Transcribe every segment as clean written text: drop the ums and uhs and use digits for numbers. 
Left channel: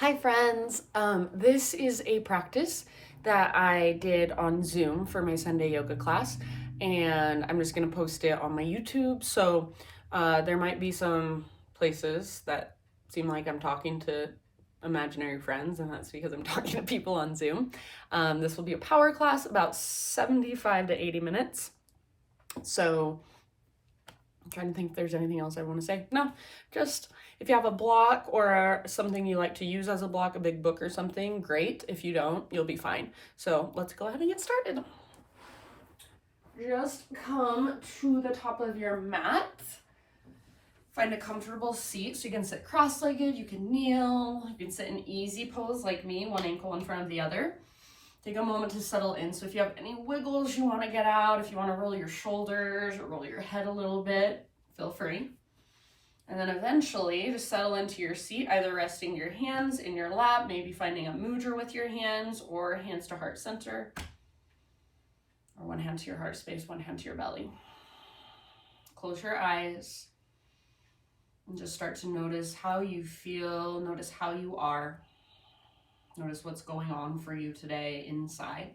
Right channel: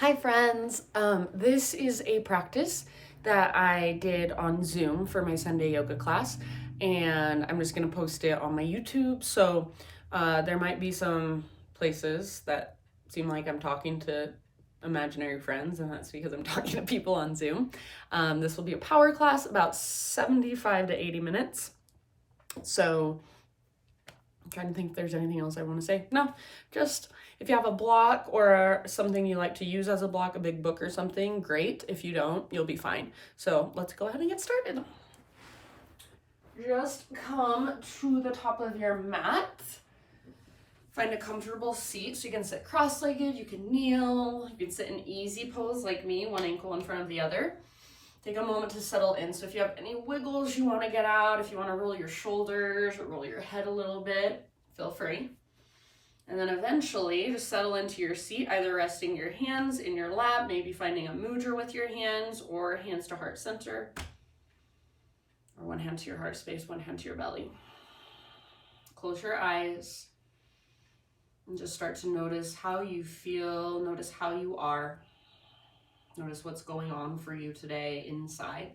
Hi friends, this is a practice that I did on Zoom for my Sunday yoga class, and I'm just gonna post it on my YouTube. So there might be some places that seem like I'm talking to imaginary friends, and that's because I'm talking to people on Zoom. This will be a power class, about 75 to 80 minutes. So I'm trying to think if there's anything else I want to say. No, just if you have a block or something you like to use as a block, a big book or something, great. If you don't, you'll be fine. So let's go ahead and get started. Just come to the top of your mat. Find a comfortable seat so you can sit cross-legged, you can kneel, you can sit in easy pose like me, one ankle in front of the other. Take a moment to settle in. So if you have any wiggles you want to get out, if you want to roll your shoulders or roll your head a little bit, feel free. And then eventually just settle into your seat, either resting your hands in your lap, maybe finding a mudra with your hands, or hands to heart center, or one hand to your heart space, one hand to your belly. Close your eyes and just start to notice how you feel, notice how you are. Notice what's going on for you today inside.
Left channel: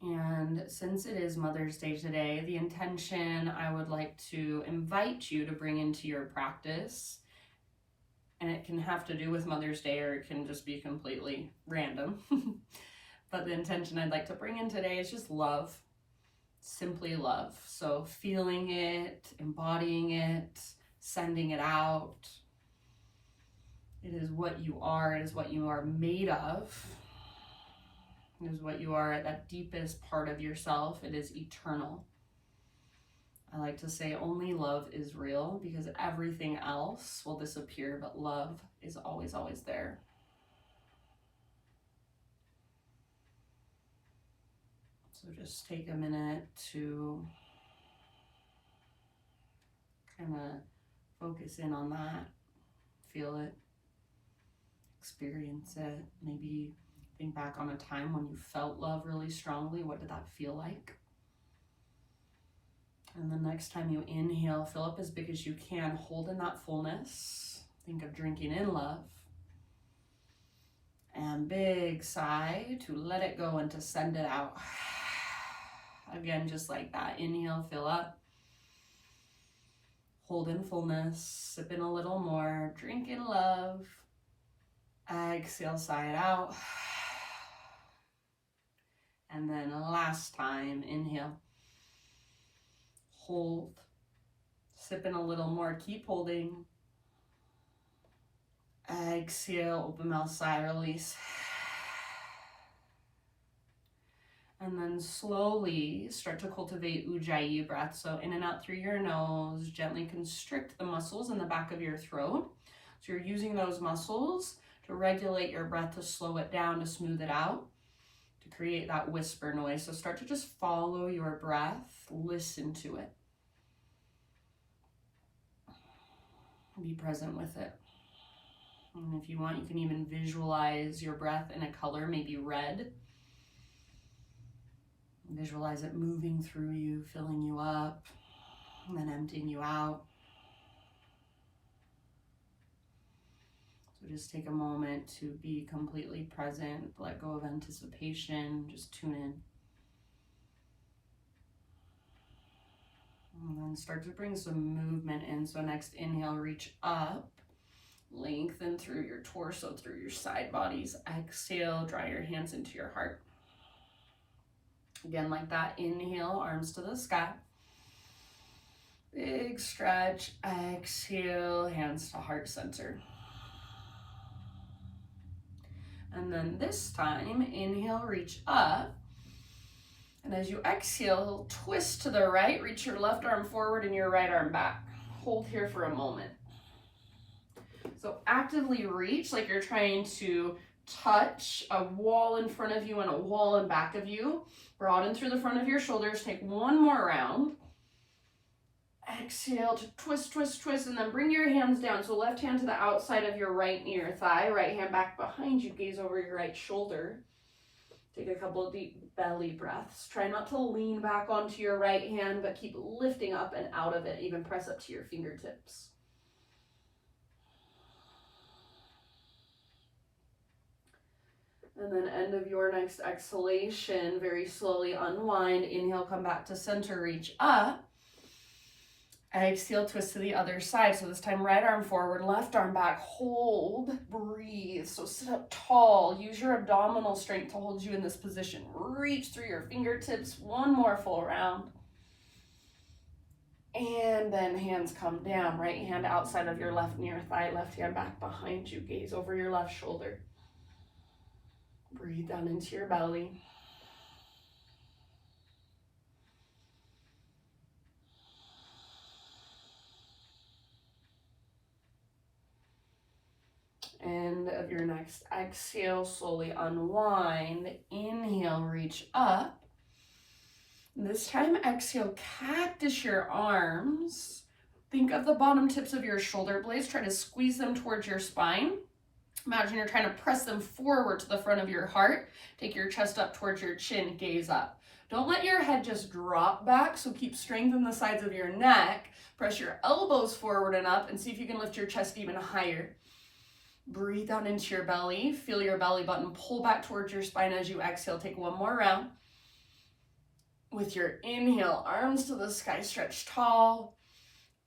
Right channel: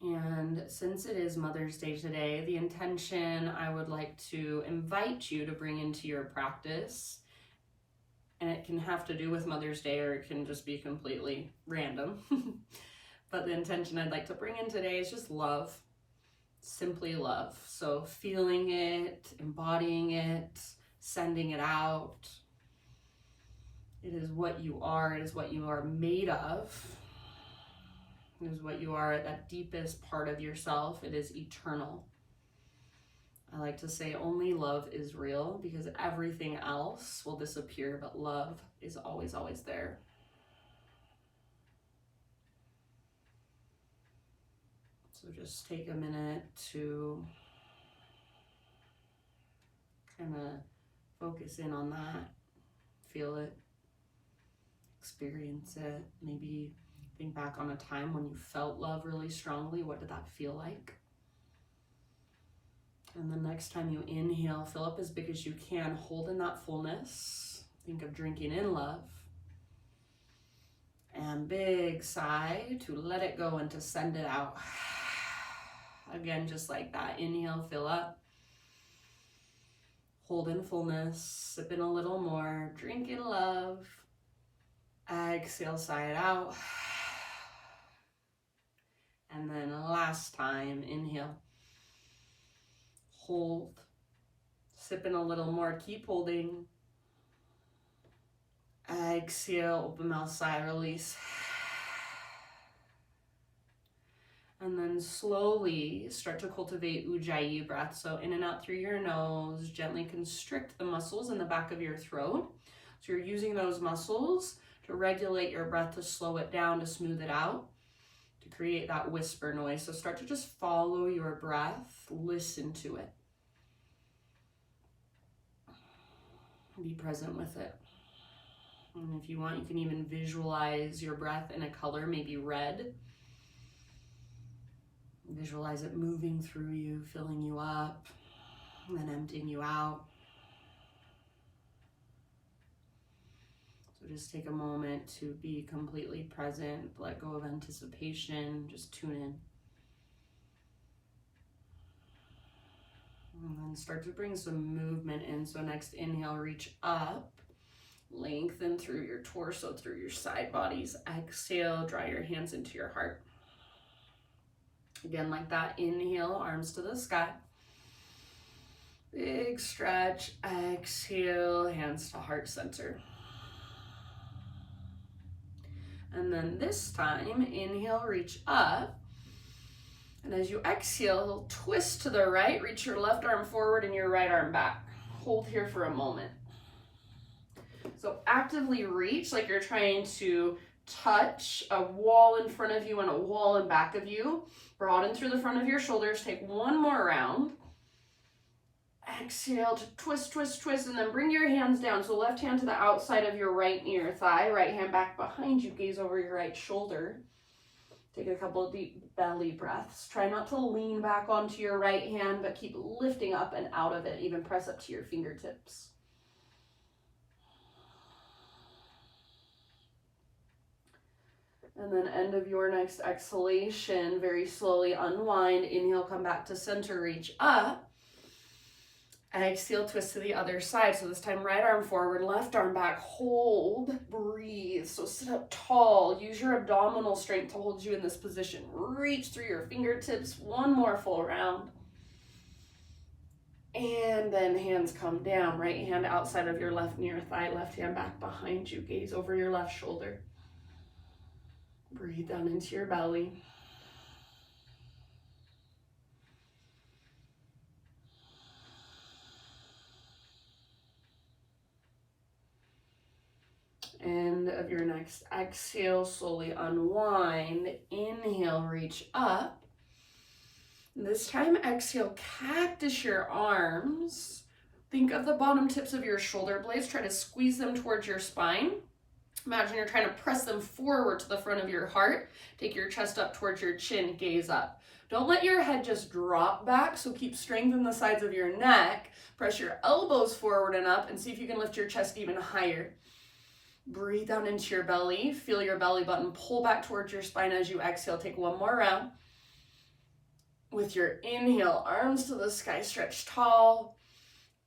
And since it is Mother's Day today, the intention I would like to invite you to bring into your practice, and it can have to do with Mother's Day or it can just be completely random. But the intention I'd like to bring in today is just love, simply love. So feeling it, embodying it, sending it out. It is what you are. It is what you are made of. It is what you are at that deepest part of yourself. It is eternal. I like to say only love is real because everything else will disappear, but love is always, always there. So just take a minute to kind of focus in on that, feel it, experience it. Maybe think back on a time when you felt love really strongly. What did that feel like? And the next time you inhale, fill up as big as you can, hold in that fullness. Think of drinking in love. And big sigh to let it go and to send it out. Again, just like that. Inhale, fill up. Hold in fullness, sip in a little more, drink in love. Exhale, sigh it out. And then last time, inhale. Hold. Sip in a little more, keep holding. Exhale, open mouth, sigh, release. And then slowly start to cultivate Ujjayi breath. So in and out through your nose, gently constrict the muscles in the back of your throat. So you're using those muscles to regulate your breath, to slow it down, to smooth it out, to create that whisper noise. So start to just follow your breath, listen to it. Be present with it. And if you want, you can even visualize your breath in a color, maybe red. Visualize it moving through you, filling you up, and then emptying you out. So just take a moment to be completely present, let go of anticipation, just tune in. And then start to bring some movement in. So next inhale, reach up, lengthen through your torso, through your side bodies. Exhale, draw your hands into your heart. Again, like that, inhale, arms to the sky. Big stretch, exhale, hands to heart center. And then this time, inhale, reach up. And as you exhale, twist to the right, reach your left arm forward and your right arm back. Hold here for a moment. So actively reach like you're trying to touch a wall in front of you and a wall in back of you. Broaden through the front of your shoulders. Take one more round. Exhale to twist, twist, twist, and then bring your hands down. So left hand to the outside of your right near thigh, right hand back behind you, gaze over your right shoulder. Take a couple of deep belly breaths. Try not to lean back onto your right hand, but keep lifting up and out of it. Even press up to your fingertips. And then end of your next exhalation, very slowly unwind. Inhale, come back to center, reach up. Exhale, twist to the other side. So this time, right arm forward, left arm back, hold, breathe. So sit up tall, use your abdominal strength to hold you in this position. Reach through your fingertips, one more full round. And then hands come down, right hand outside of your left near thigh, left hand back behind you, gaze over your left shoulder. Breathe down into your belly. End of your next exhale, slowly unwind. Inhale, reach up. This time, exhale, cactus your arms. Think of the bottom tips of your shoulder blades. Try to squeeze them towards your spine. Imagine you're trying to press them forward to the front of your heart. Take your chest up towards your chin, gaze up. Don't let your head just drop back, so keep strength in the sides of your neck. Press your elbows forward and up and see if you can lift your chest even higher. Breathe down into your belly. Feel your belly button pull back towards your spine as you exhale. Take one more round. With your inhale, arms to the sky, stretch tall.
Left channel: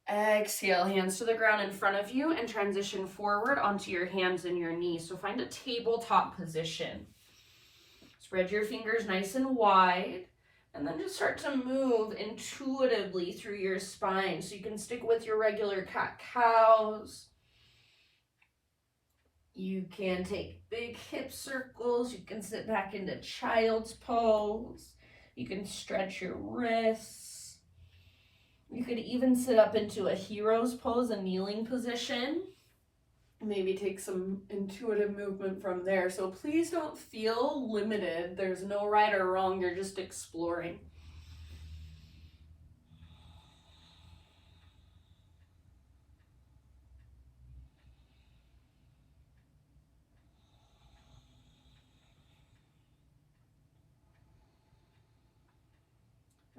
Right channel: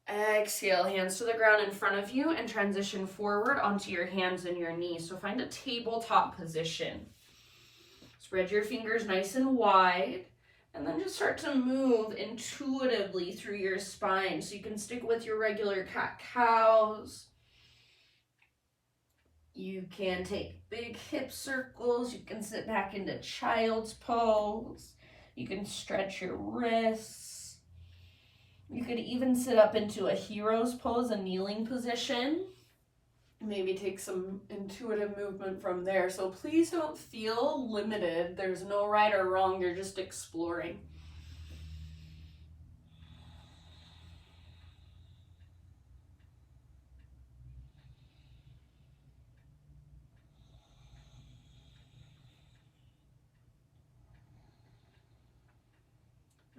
Exhale, hands to the ground in front of you and transition forward onto your hands and your knees. So find a tabletop position. Spread your fingers nice and wide. And then just start to move intuitively through your spine. So you can stick with your regular cat-cows. You can take big hip circles. You can sit back into child's pose. You can stretch your wrists. You could even sit up into a hero's pose, a kneeling position. Maybe take some intuitive movement from there. So please don't feel limited. There's no right or wrong. You're just exploring.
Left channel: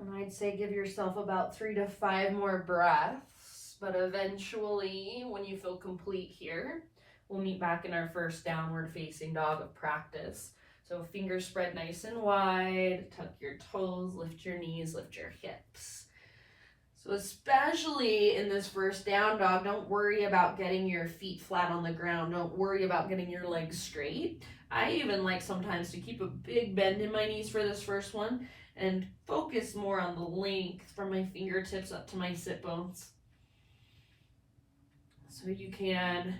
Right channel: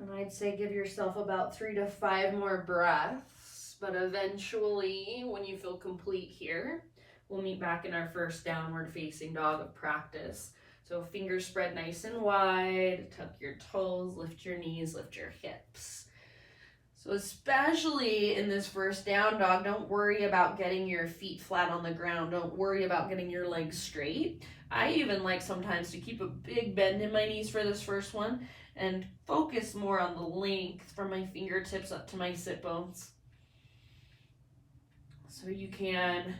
And I'd say give yourself about 3 to 5 more breaths, but eventually when you feel complete here, we'll meet back in our first downward facing dog of practice. So fingers spread nice and wide, tuck your toes, lift your knees, lift your hips. So especially in this first down dog, don't worry about getting your feet flat on the ground. Don't worry about getting your legs straight. I even like sometimes to keep a big bend in my knees for this first one and focus more on the length from my fingertips up to my sit bones. So you can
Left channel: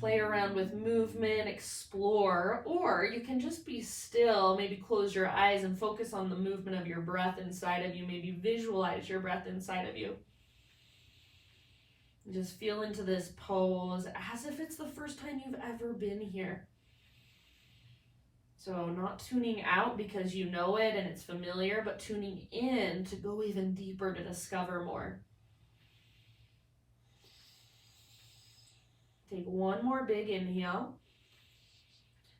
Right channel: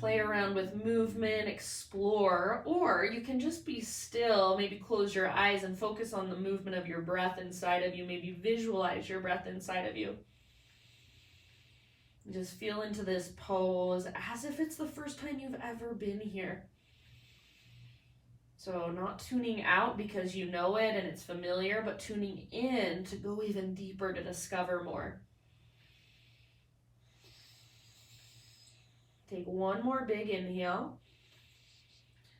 play around with movement, explore, or you can just be still, maybe close your eyes and focus on the movement of your breath inside of you. Maybe visualize your breath inside of you. Just feel into this pose as if it's the first time you've ever been here. So not tuning out because you know it and it's familiar, but tuning in to go even deeper to discover more. Take one more big inhale.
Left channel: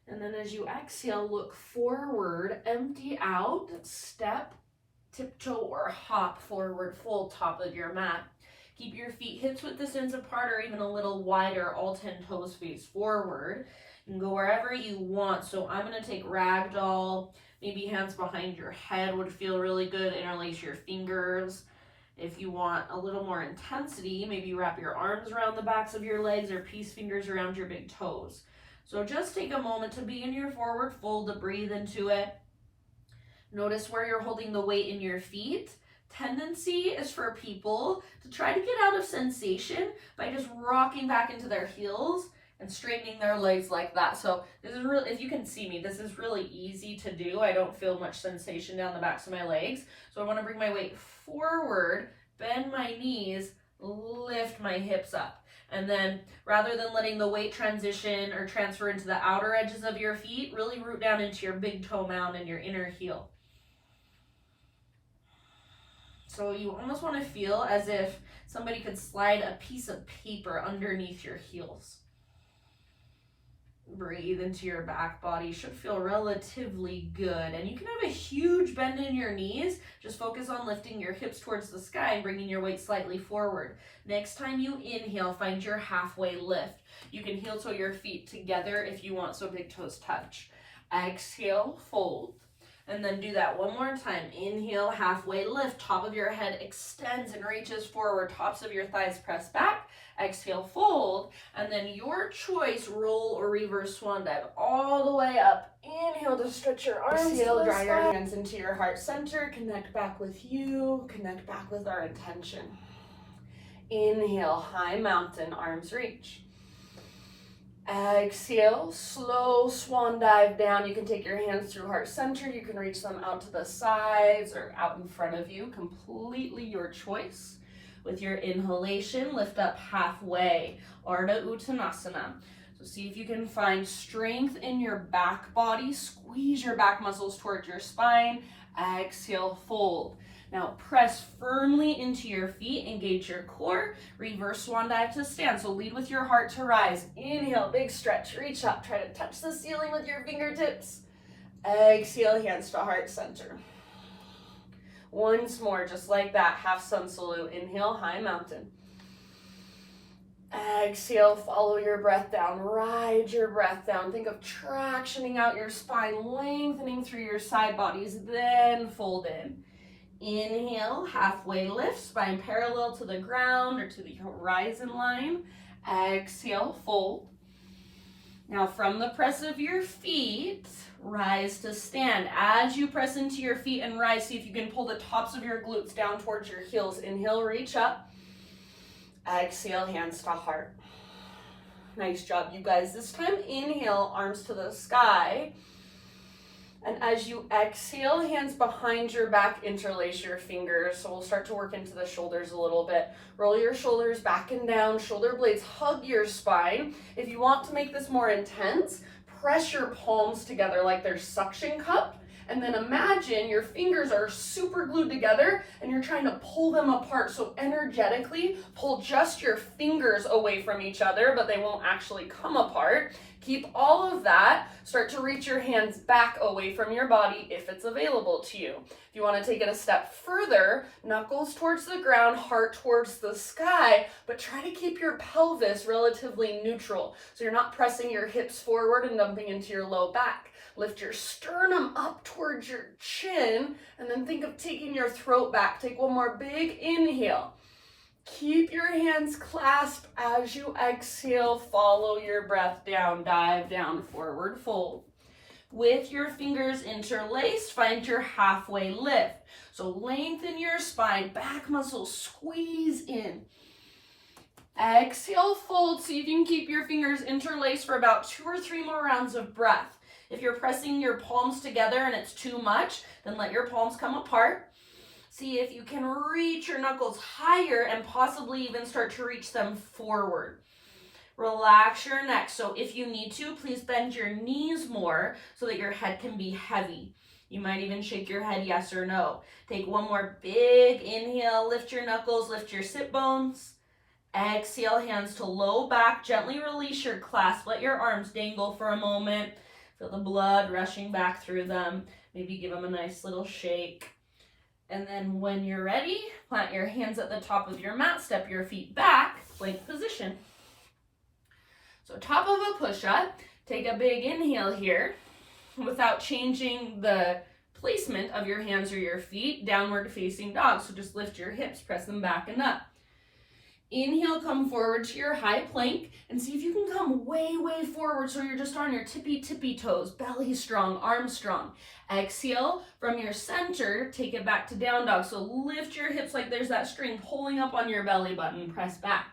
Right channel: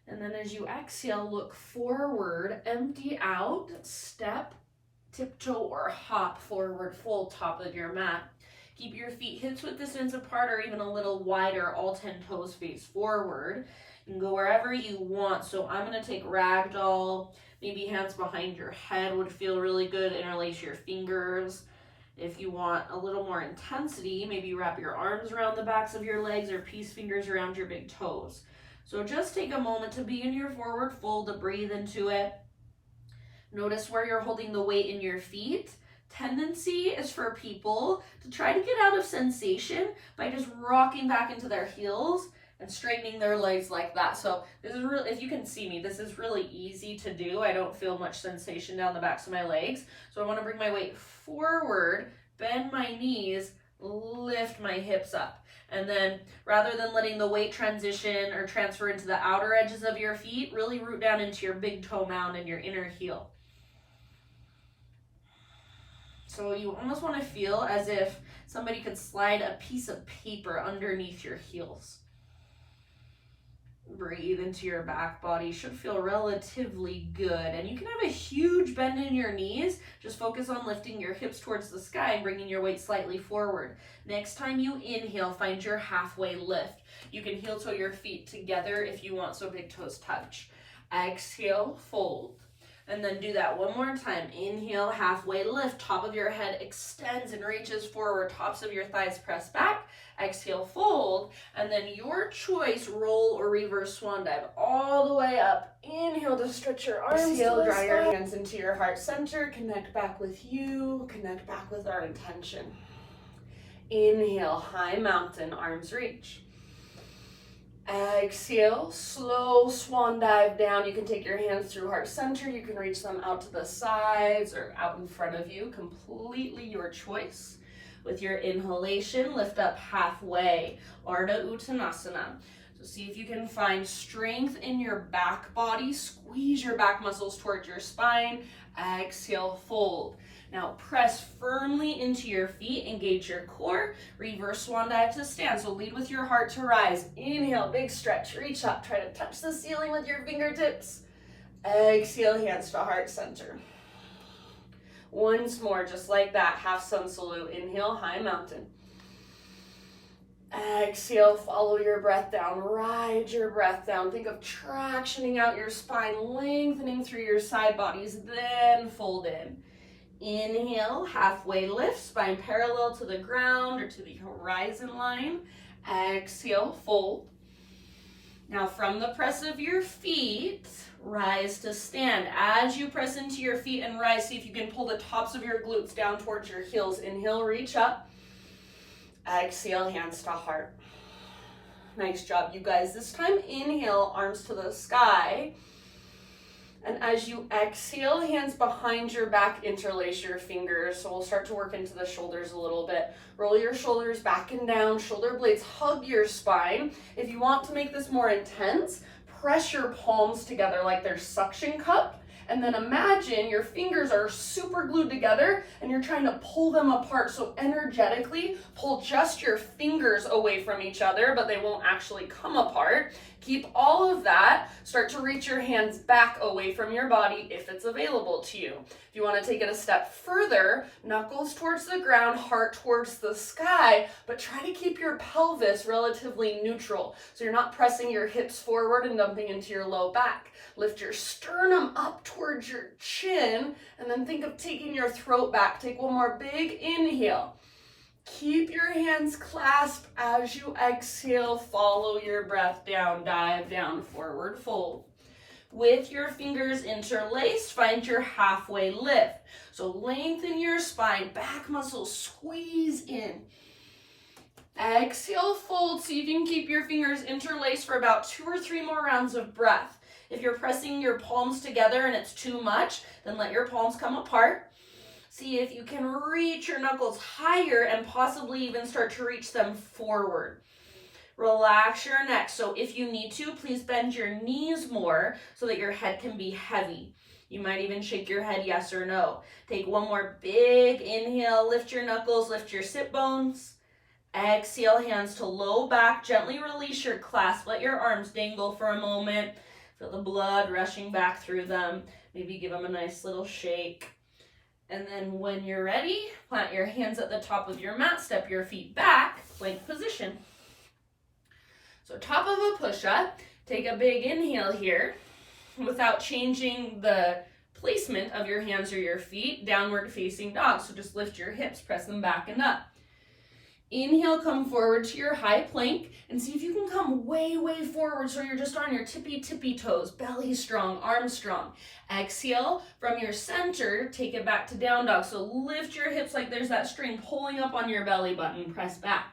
And then as you exhale, look forward, empty out, step, tiptoe, or hop forward, full top of your mat. Keep your feet hips width distance apart or even a little wider, all 10 toes face forward. You can go wherever you want. So I'm going to take ragdoll, maybe hands behind your head would feel really good. Interlace your fingers. If you want a little more intensity, maybe wrap your arms around the backs of your legs or peace fingers around your big toes. So just take a moment to be in your forward fold, to breathe into it. Notice where you're holding the weight in your feet. Tendency is for people to try to get out of sensation by just rocking back into their heels and straightening their legs like that. So this is really, if you can see me, this is really easy to do. I don't feel much sensation down the backs of my legs. So I want to bring my weight forward, bend my knees, lift my hips up. And then rather than letting the weight transition or transfer into the outer edges of your feet, really root down into your big toe mound and your inner heel. So you almost want to feel as if somebody could slide a piece of paper underneath your heels. Breathe into your back body. Should feel relatively good. And you can have a huge bend in your knees. Just focus on lifting your hips towards the sky and bringing your weight slightly forward. Next time you inhale, find your halfway lift. You can heel toe your feet together if you want, so big toes touch. Exhale, fold. And then do that one more time. Inhale, halfway lift. Top of your head extends and reaches forward. Tops of your thighs press back. Exhale, fold. And then your choice, roll or reverse swan dive all the way up. Inhale to stretch your arms. Exhale, draw your hands into your heart center. Connect back with you. Connect back with our intention. Inhale, high mountain, arms reach. Exhale, slow swan dive down. You can take your hands through heart center. You can reach them out to the sides or out in front of you. Completely your choice. With your inhalation, lift up halfway, Ardha Uttanasana. So see if you can find strength in your back body. Squeeze your back muscles towards your spine. Exhale, fold. Now press firmly into your feet, engage your core, reverse swan dive to stand. So lead with your heart to rise. Inhale, big stretch, reach up, try to touch the ceiling with your fingertips. Exhale, hands to heart center. Once more, just like that, half sun salute. Inhale, high mountain. Exhale, follow your breath down, ride your breath down. Think of tractioning out your spine, lengthening through your side bodies, then fold in. Inhale, halfway lift, spine parallel to the ground or to the horizon line. Exhale, fold. Now from the press of your feet, rise to stand. As you press into your feet and rise, see if you can pull the tops of your glutes down towards your heels. Inhale, reach up. Exhale, hands to heart. Nice job, you guys. This time, inhale, arms to the sky. And as you exhale, hands behind your back, interlace your fingers. So we'll start to work into the shoulders a little bit. Roll your shoulders back and down, shoulder blades hug your spine. If you want to make this more intense, press your palms together like they're suction cup. And then imagine your fingers are super glued together and you're trying to pull them apart. So energetically, pull just your fingers away from each other, but they won't actually come apart. Keep all of that. Start to reach your hands back away from your body if it's available to you. If you want to take it a step further, knuckles towards the ground, heart towards the sky, but try to keep your pelvis relatively neutral. So you're not pressing your hips forward and dumping into your low back. Lift your sternum up towards your chin, and then think of taking your throat back. Take one more big inhale. Keep your hands clasped as you exhale. Follow your breath down, dive down, forward fold. With your fingers interlaced, find your halfway lift. So lengthen your spine, back muscles squeeze in. Exhale, fold. See if you can keep your fingers interlaced for about 2 or 3 more rounds of breath. If you're pressing your palms together and it's too much, then let your palms come apart. See if you can reach your knuckles higher and possibly even start to reach them forward. Relax your neck. So if you need to, please bend your knees more so that your head can be heavy. You might even shake your head yes or no. Take one more big inhale, lift your knuckles, lift your sit bones. Exhale, hands to low back, gently release your clasp. Let your arms dangle for a moment. Feel the blood rushing back through them. Maybe give them a nice little shake. And then when you're ready, plant your hands at the top of your mat, step your feet back, plank position. So top of a push-up, take a big inhale here without changing the placement of your hands or your feet, downward facing dog. So just lift your hips, press them back and up. Inhale, come forward to your high plank and see if you can come way, way forward so you're just on your tippy toes, belly strong, arms strong. Exhale, from your center, take it back to down dog. So lift your hips like there's that string pulling up on your belly button, press back.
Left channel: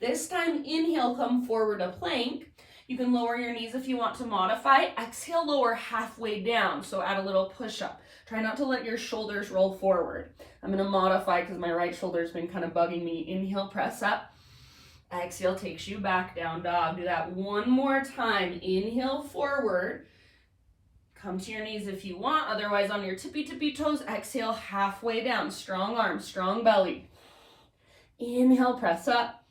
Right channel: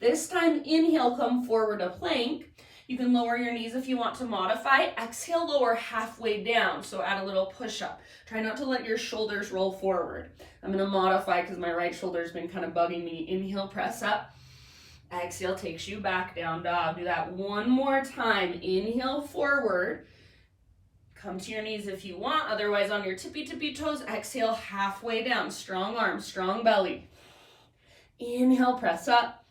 This time, inhale, come forward to plank. You can lower your knees if you want to modify. Exhale, lower halfway down, so add a little push-up. Try not to let your shoulders roll forward. I'm going to modify because my right shoulder's been kind of bugging me. Inhale, press up. Exhale, takes you back, down dog. Do that one more time. Inhale, forward. Come to your knees if you want. Otherwise, on your tippy toes, exhale, halfway down. Strong arms, strong belly. Inhale, press up.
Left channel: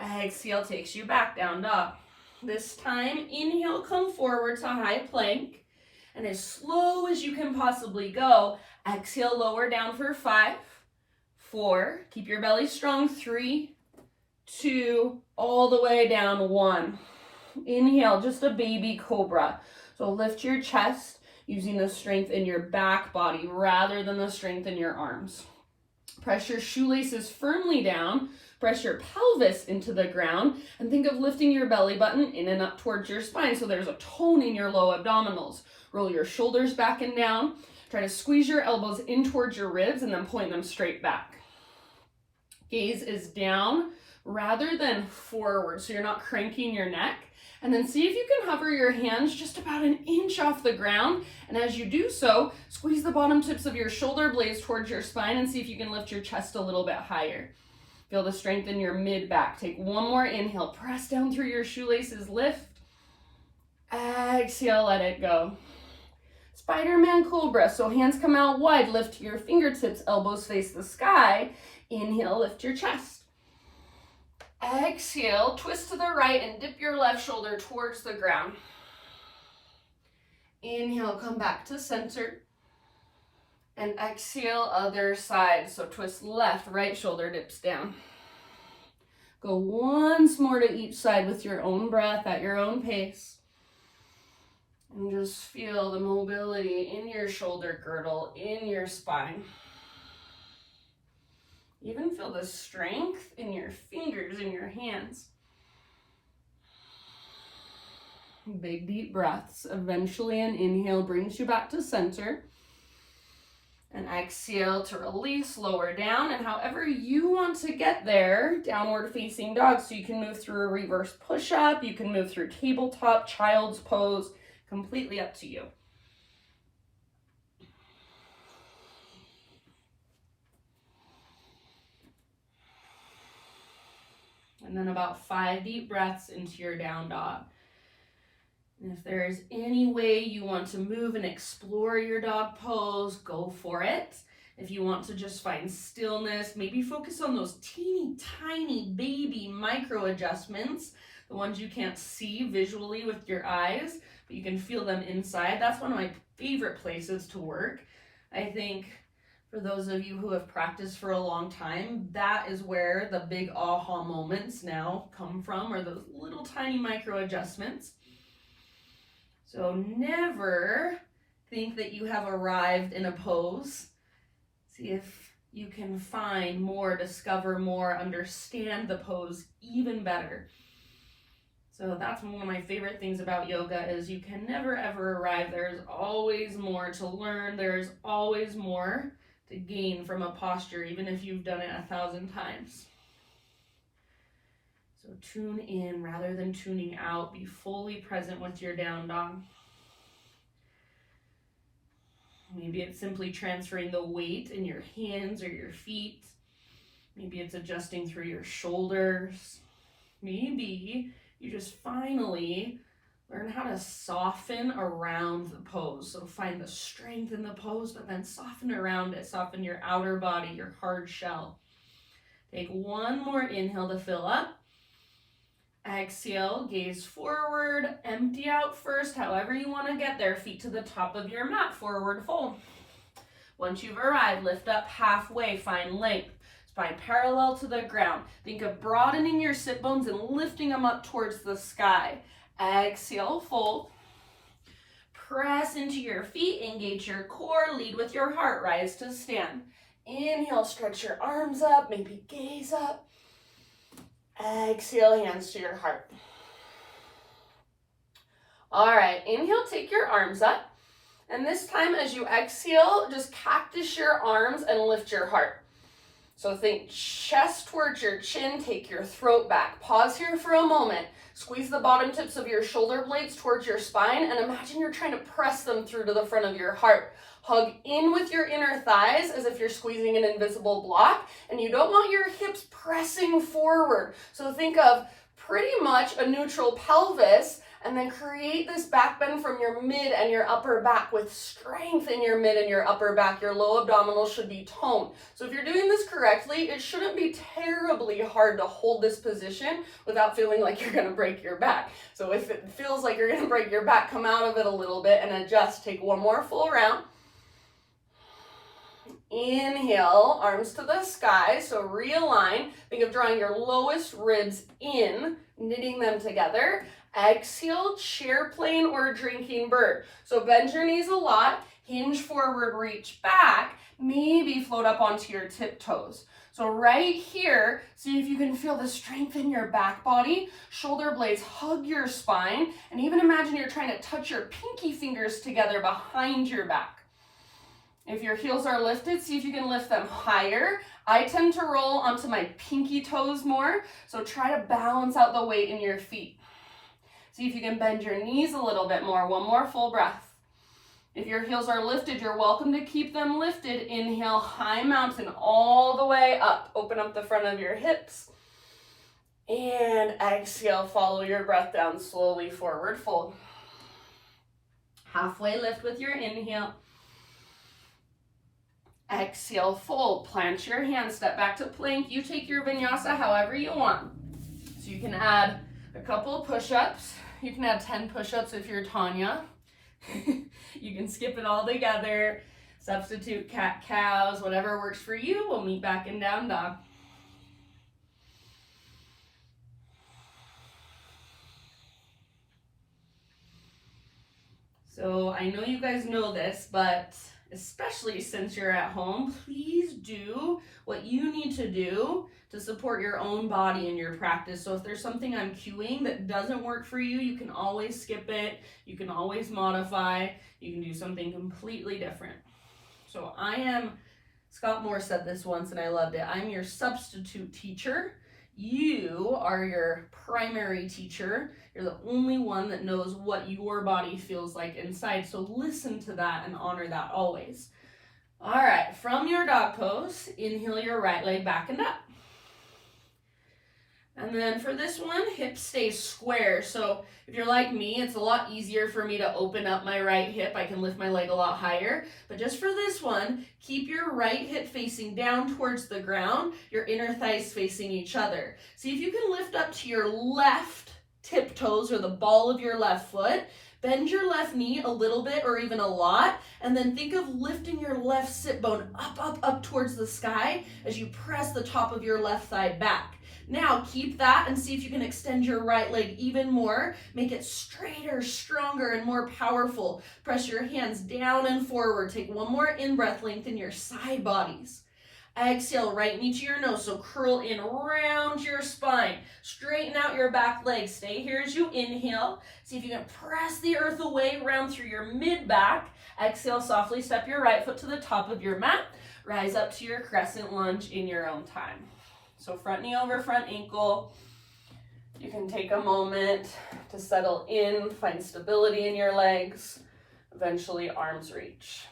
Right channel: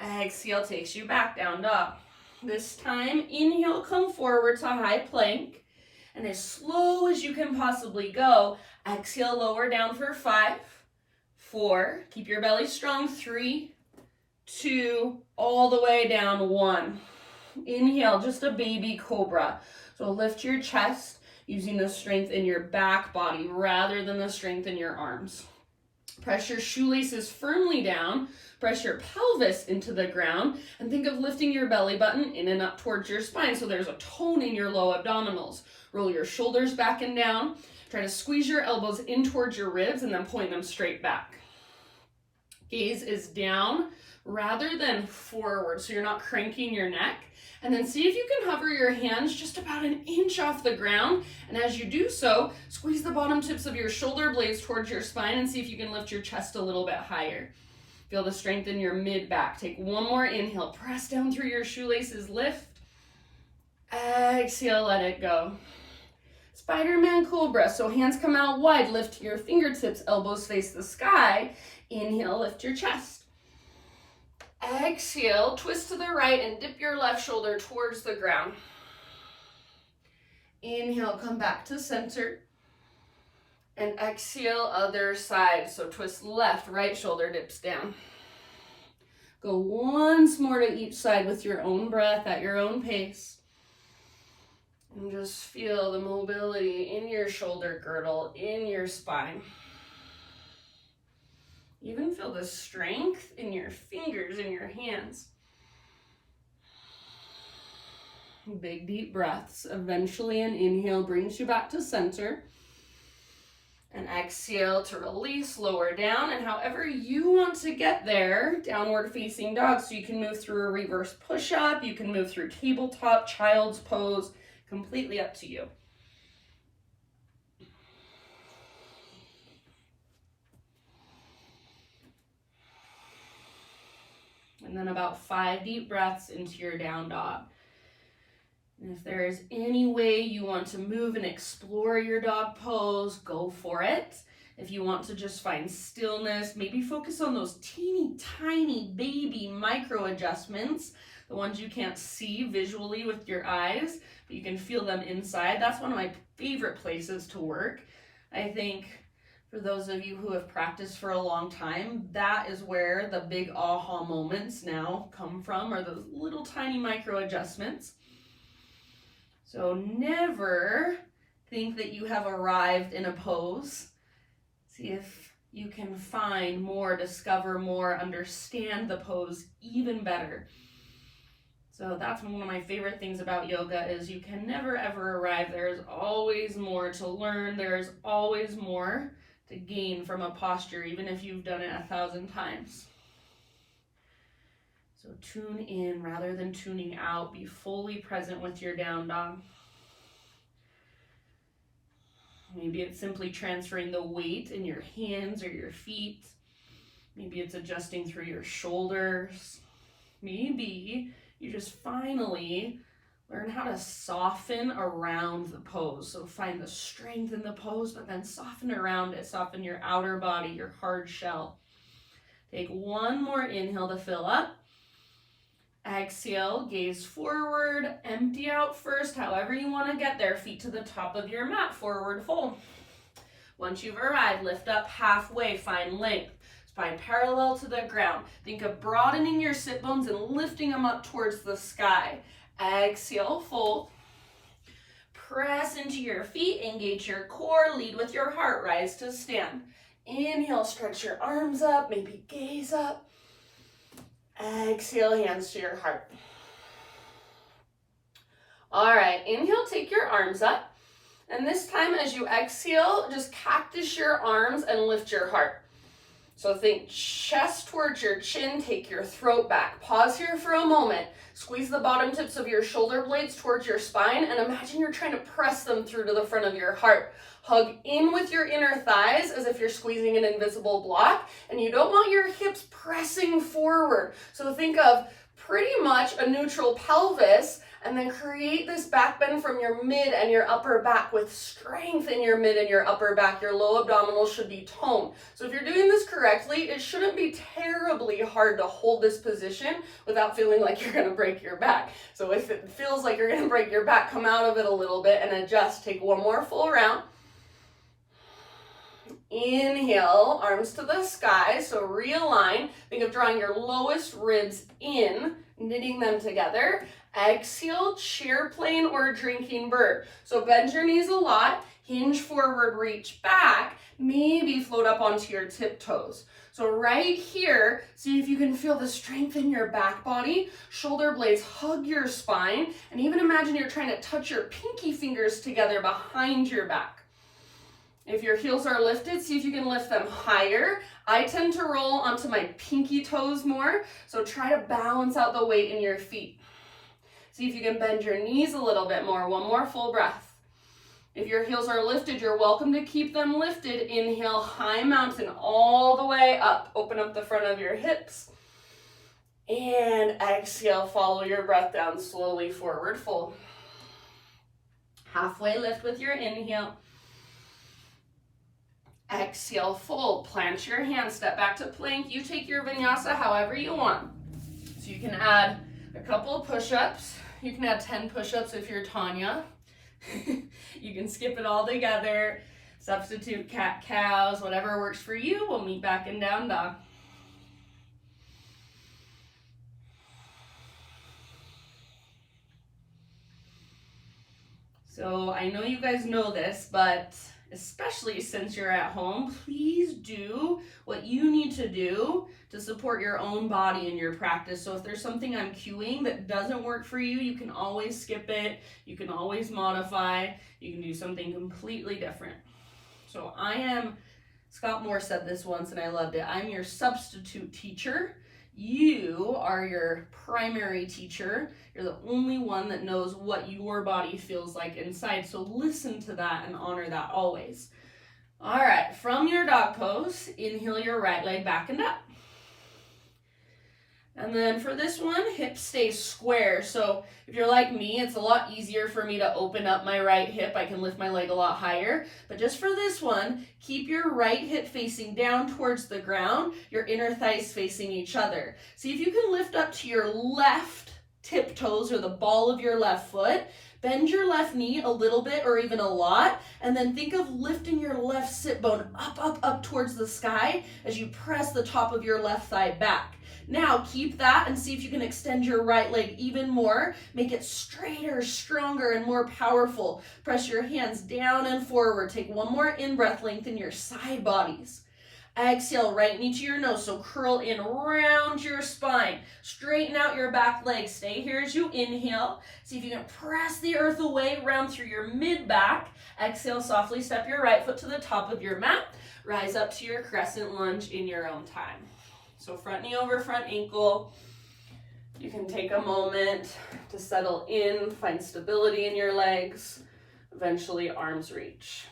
Exhale, takes you back, down dog. This time, inhale, come forward to high plank. And as slow as you can possibly go, exhale, lower down for 5, 4, keep your belly strong, 3, 2, all the way down, 1. Inhale, just a baby cobra. So lift your chest using the strength in your back body rather than the strength in your arms. Press your shoelaces firmly down, press your pelvis into the ground, and think of lifting your belly button in and up towards your spine so there's a tone in your low abdominals. Roll your shoulders back and down. Try to squeeze your elbows in towards your ribs and then point them straight back. Gaze is down rather than forward, so you're not cranking your neck. And then see if you can hover your hands just about an inch off the ground. And as you do so, squeeze the bottom tips of your shoulder blades towards your spine and see if you can lift your chest a little bit higher. Feel the strength in your mid-back. Take one more inhale. Press down through your shoelaces. Lift. Exhale, let it go. Spider-Man Cobra. So hands come out wide. Lift your fingertips. Elbows face the sky. Inhale, lift your chest. Exhale, twist to the right and dip your left shoulder towards the ground. Inhale, come back to center. And exhale, other side. So twist left, right shoulder dips down. Go once more to each side with your own breath at your own pace. And just feel the mobility in your shoulder girdle, in your spine. Even feel the strength in your fingers and your hands. Big deep breaths. Eventually an inhale brings you back to center. And exhale to release, lower down. And however you want to get there, downward facing dog. So you can move through a reverse push-up. You can move through tabletop, child's pose. Completely up to you. And then about 5 deep breaths into your down dog. And if there is any way you want to move and explore your dog pose, go for it. If you want to just find stillness, maybe focus on those teeny tiny baby micro adjustments, the ones you can't see visually with your eyes, but you can feel them inside. That's one of my favorite places to work. I think for those of you who have practiced for a long time, that is where the big aha moments now come from, are those little tiny micro adjustments. So never think that you have arrived in a pose. See if you can find more, discover more, understand the pose even better. So that's one of my favorite things about yoga is you can never ever arrive. There is always more to learn. There is always more to gain from a posture, even if you've done it 1,000 times. So tune in rather than tuning out. Be fully present with your down dog. Maybe it's simply transferring the weight in your hands or your feet. Maybe it's adjusting through your shoulders. Maybe you just finally learn how to soften around the pose. So find the strength in the pose, but then soften around it. Soften your outer body, your hard shell. Take one more inhale to fill up. Exhale, gaze forward, empty out first, however you want to get there. Feet to the top of your mat, forward fold. Once you've arrived, lift up halfway, find length. Spine parallel to the ground. Think of broadening your sit bones and lifting them up towards the sky. Exhale, fold. Press into your feet, engage your core, lead with your heart, rise to stand. Inhale, stretch your arms up, maybe gaze up. Exhale, hands to your heart. All right, inhale, take your arms up. And this time as you exhale, just cactus your arms and lift your heart. So think chest towards your chin, take your throat back. Pause here for a moment. Squeeze the bottom tips of your shoulder blades towards your spine and imagine you're trying to press them through to the front of your heart. Hug in with your inner thighs as if you're squeezing an invisible block, and you don't want your hips pressing forward. So think of pretty much a neutral pelvis And then create this back bend from your mid and your upper back with strength in your mid and your upper back. Your low abdominals should be toned. So if you're doing this correctly, it shouldn't be terribly hard to hold this position without feeling like you're gonna break your back. So if it feels like you're gonna break your back, come out of it a little bit and adjust. Take one more full round. Inhale, arms to the sky, so realign. Think of drawing your lowest ribs in, knitting them together. Exhale, chair plane or drinking bird. So bend your knees a lot, hinge forward, reach back, maybe float up onto your tiptoes. So right here, see if you can feel the strength in your back body. Shoulder blades hug your spine, and even imagine you're trying to touch your pinky fingers together behind your back. If your heels are lifted, see if you can lift them higher. I tend to roll onto my pinky toes more, so try to balance out the weight in your feet. See if you can bend your knees a little bit more. One more full breath. If your heels are lifted, you're welcome to keep them lifted. Inhale, high mountain all the way up. Open up the front of your hips. And exhale, follow your breath down slowly, forward fold. Halfway lift with your inhale. Exhale, fold. Plant your hands, step back to plank. You take your vinyasa however you want. So you can add a couple of push-ups. You can add 10 push-ups if you're Tanya. You can skip it all together. Substitute cat-cows, whatever works for you. We'll meet back in down dog. So I know you guys know this, but especially since you're at home, please do what you need to do to support your own body in your practice. So if there's something I'm cueing that doesn't work for you, you can always skip it. You can always modify. You can do something completely different. So I am, Scott Moore said this once and I loved it, I'm your substitute teacher. You are your primary teacher. You're the only one that knows what your body feels like inside. So listen to that and honor that always. All right, from your dog pose, inhale your right leg back and up. And then for this one, hips stay square. So if you're like me, it's a lot easier for me to open up my right hip. I can lift my leg a lot higher. But just for this one, keep your right hip facing down towards the ground, your inner thighs facing each other. See if you can lift up to your left tiptoes or the ball of your left foot. Bend your left knee a little bit or even a lot, and then think of lifting your left sit bone up towards the sky as you press the top of your left thigh back. Now keep that and see if you can extend your right leg even more. Make it straighter, stronger, and more powerful. Press your hands down and forward. Take one more in-breath, lengthen your side bodies. Exhale, right knee to your nose, so curl in around your spine. Straighten out your back leg. Stay here as you inhale. See if you can press the earth away, round through your mid-back. Exhale, softly step your right foot to the top of your mat. Rise up to your crescent lunge in your own time. So front knee over front ankle. You can take a moment to settle in, find stability in your legs. Eventually, arms reach.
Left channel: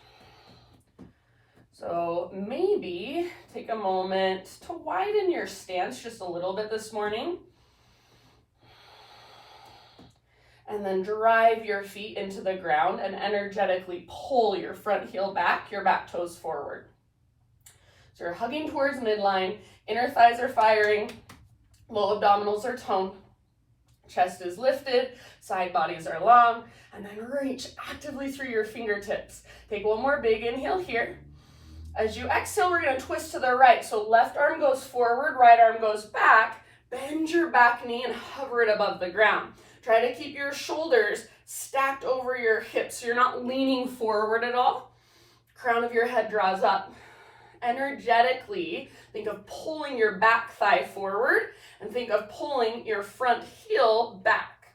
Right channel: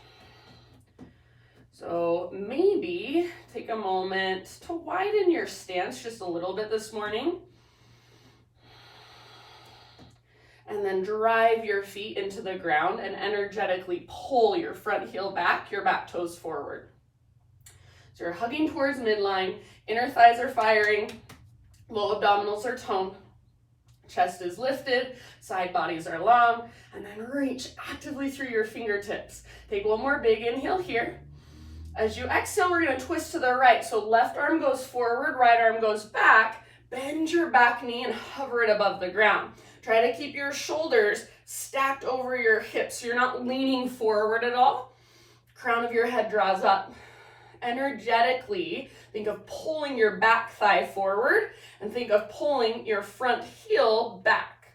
So maybe take a moment to widen your stance just a little bit this morning. And then drive your feet into the ground and energetically pull your front heel back, your back toes forward. So you're hugging towards midline, inner thighs are firing, low abdominals are toned, chest is lifted, side bodies are long, and then reach actively through your fingertips. Take one more big inhale here. As you exhale, we're going to twist to the right. So left arm goes forward, right arm goes back. Bend your back knee and hover it above the ground. Try to keep your shoulders stacked over your hips so you're not leaning forward at all. Crown of your head draws up. Energetically, think of pulling your back thigh forward and think of pulling your front heel back.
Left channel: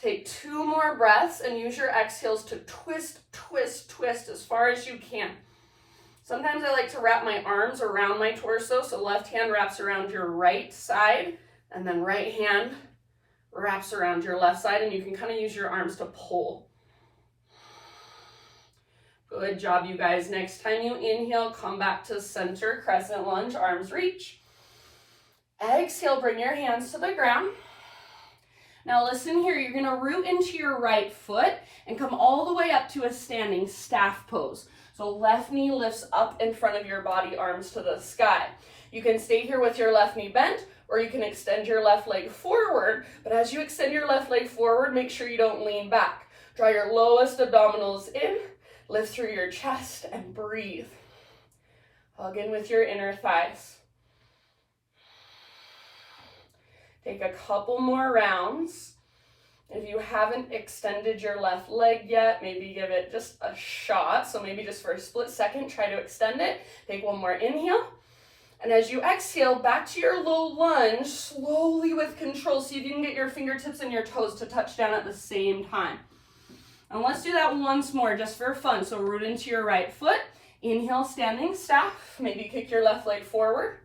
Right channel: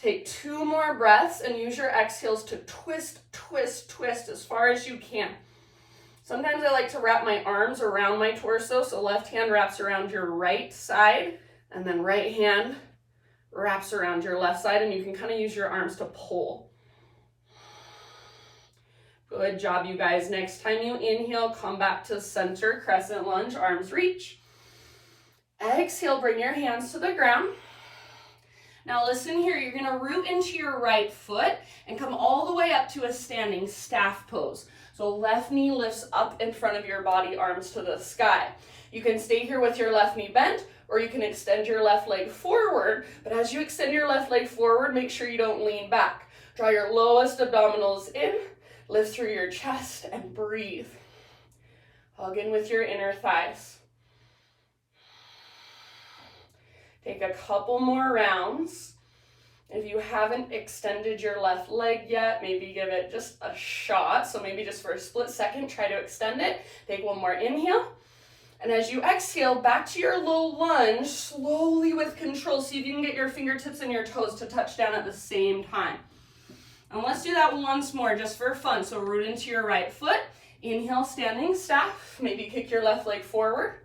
Take 2 more breaths and use your exhales to twist, twist, twist as far as you can. Sometimes I like to wrap my arms around my torso, so left hand wraps around your right side, and then right hand wraps around your left side, and you can kind of use your arms to pull. Good job, you guys. Next time you inhale, come back to center, crescent lunge, arms reach. Exhale, bring your hands to the ground. Now listen here, you're gonna root into your right foot and come all the way up to a standing staff pose. So left knee lifts up in front of your body, arms to the sky. You can stay here with your left knee bent, or you can extend your left leg forward, but as you extend your left leg forward, make sure you don't lean back. Draw your lowest abdominals in, lift through your chest, and breathe. Hug in with your inner thighs. Take a couple more rounds. If you haven't extended your left leg yet, maybe give it just a shot. So maybe just for a split second, try to extend it. Take one more inhale. And as you exhale, back to your low lunge, slowly with control. See if you can get your fingertips and your toes to touch down at the same time. And let's do that once more, just for fun. So root into your right foot. Inhale, standing staff. Maybe kick your left leg forward.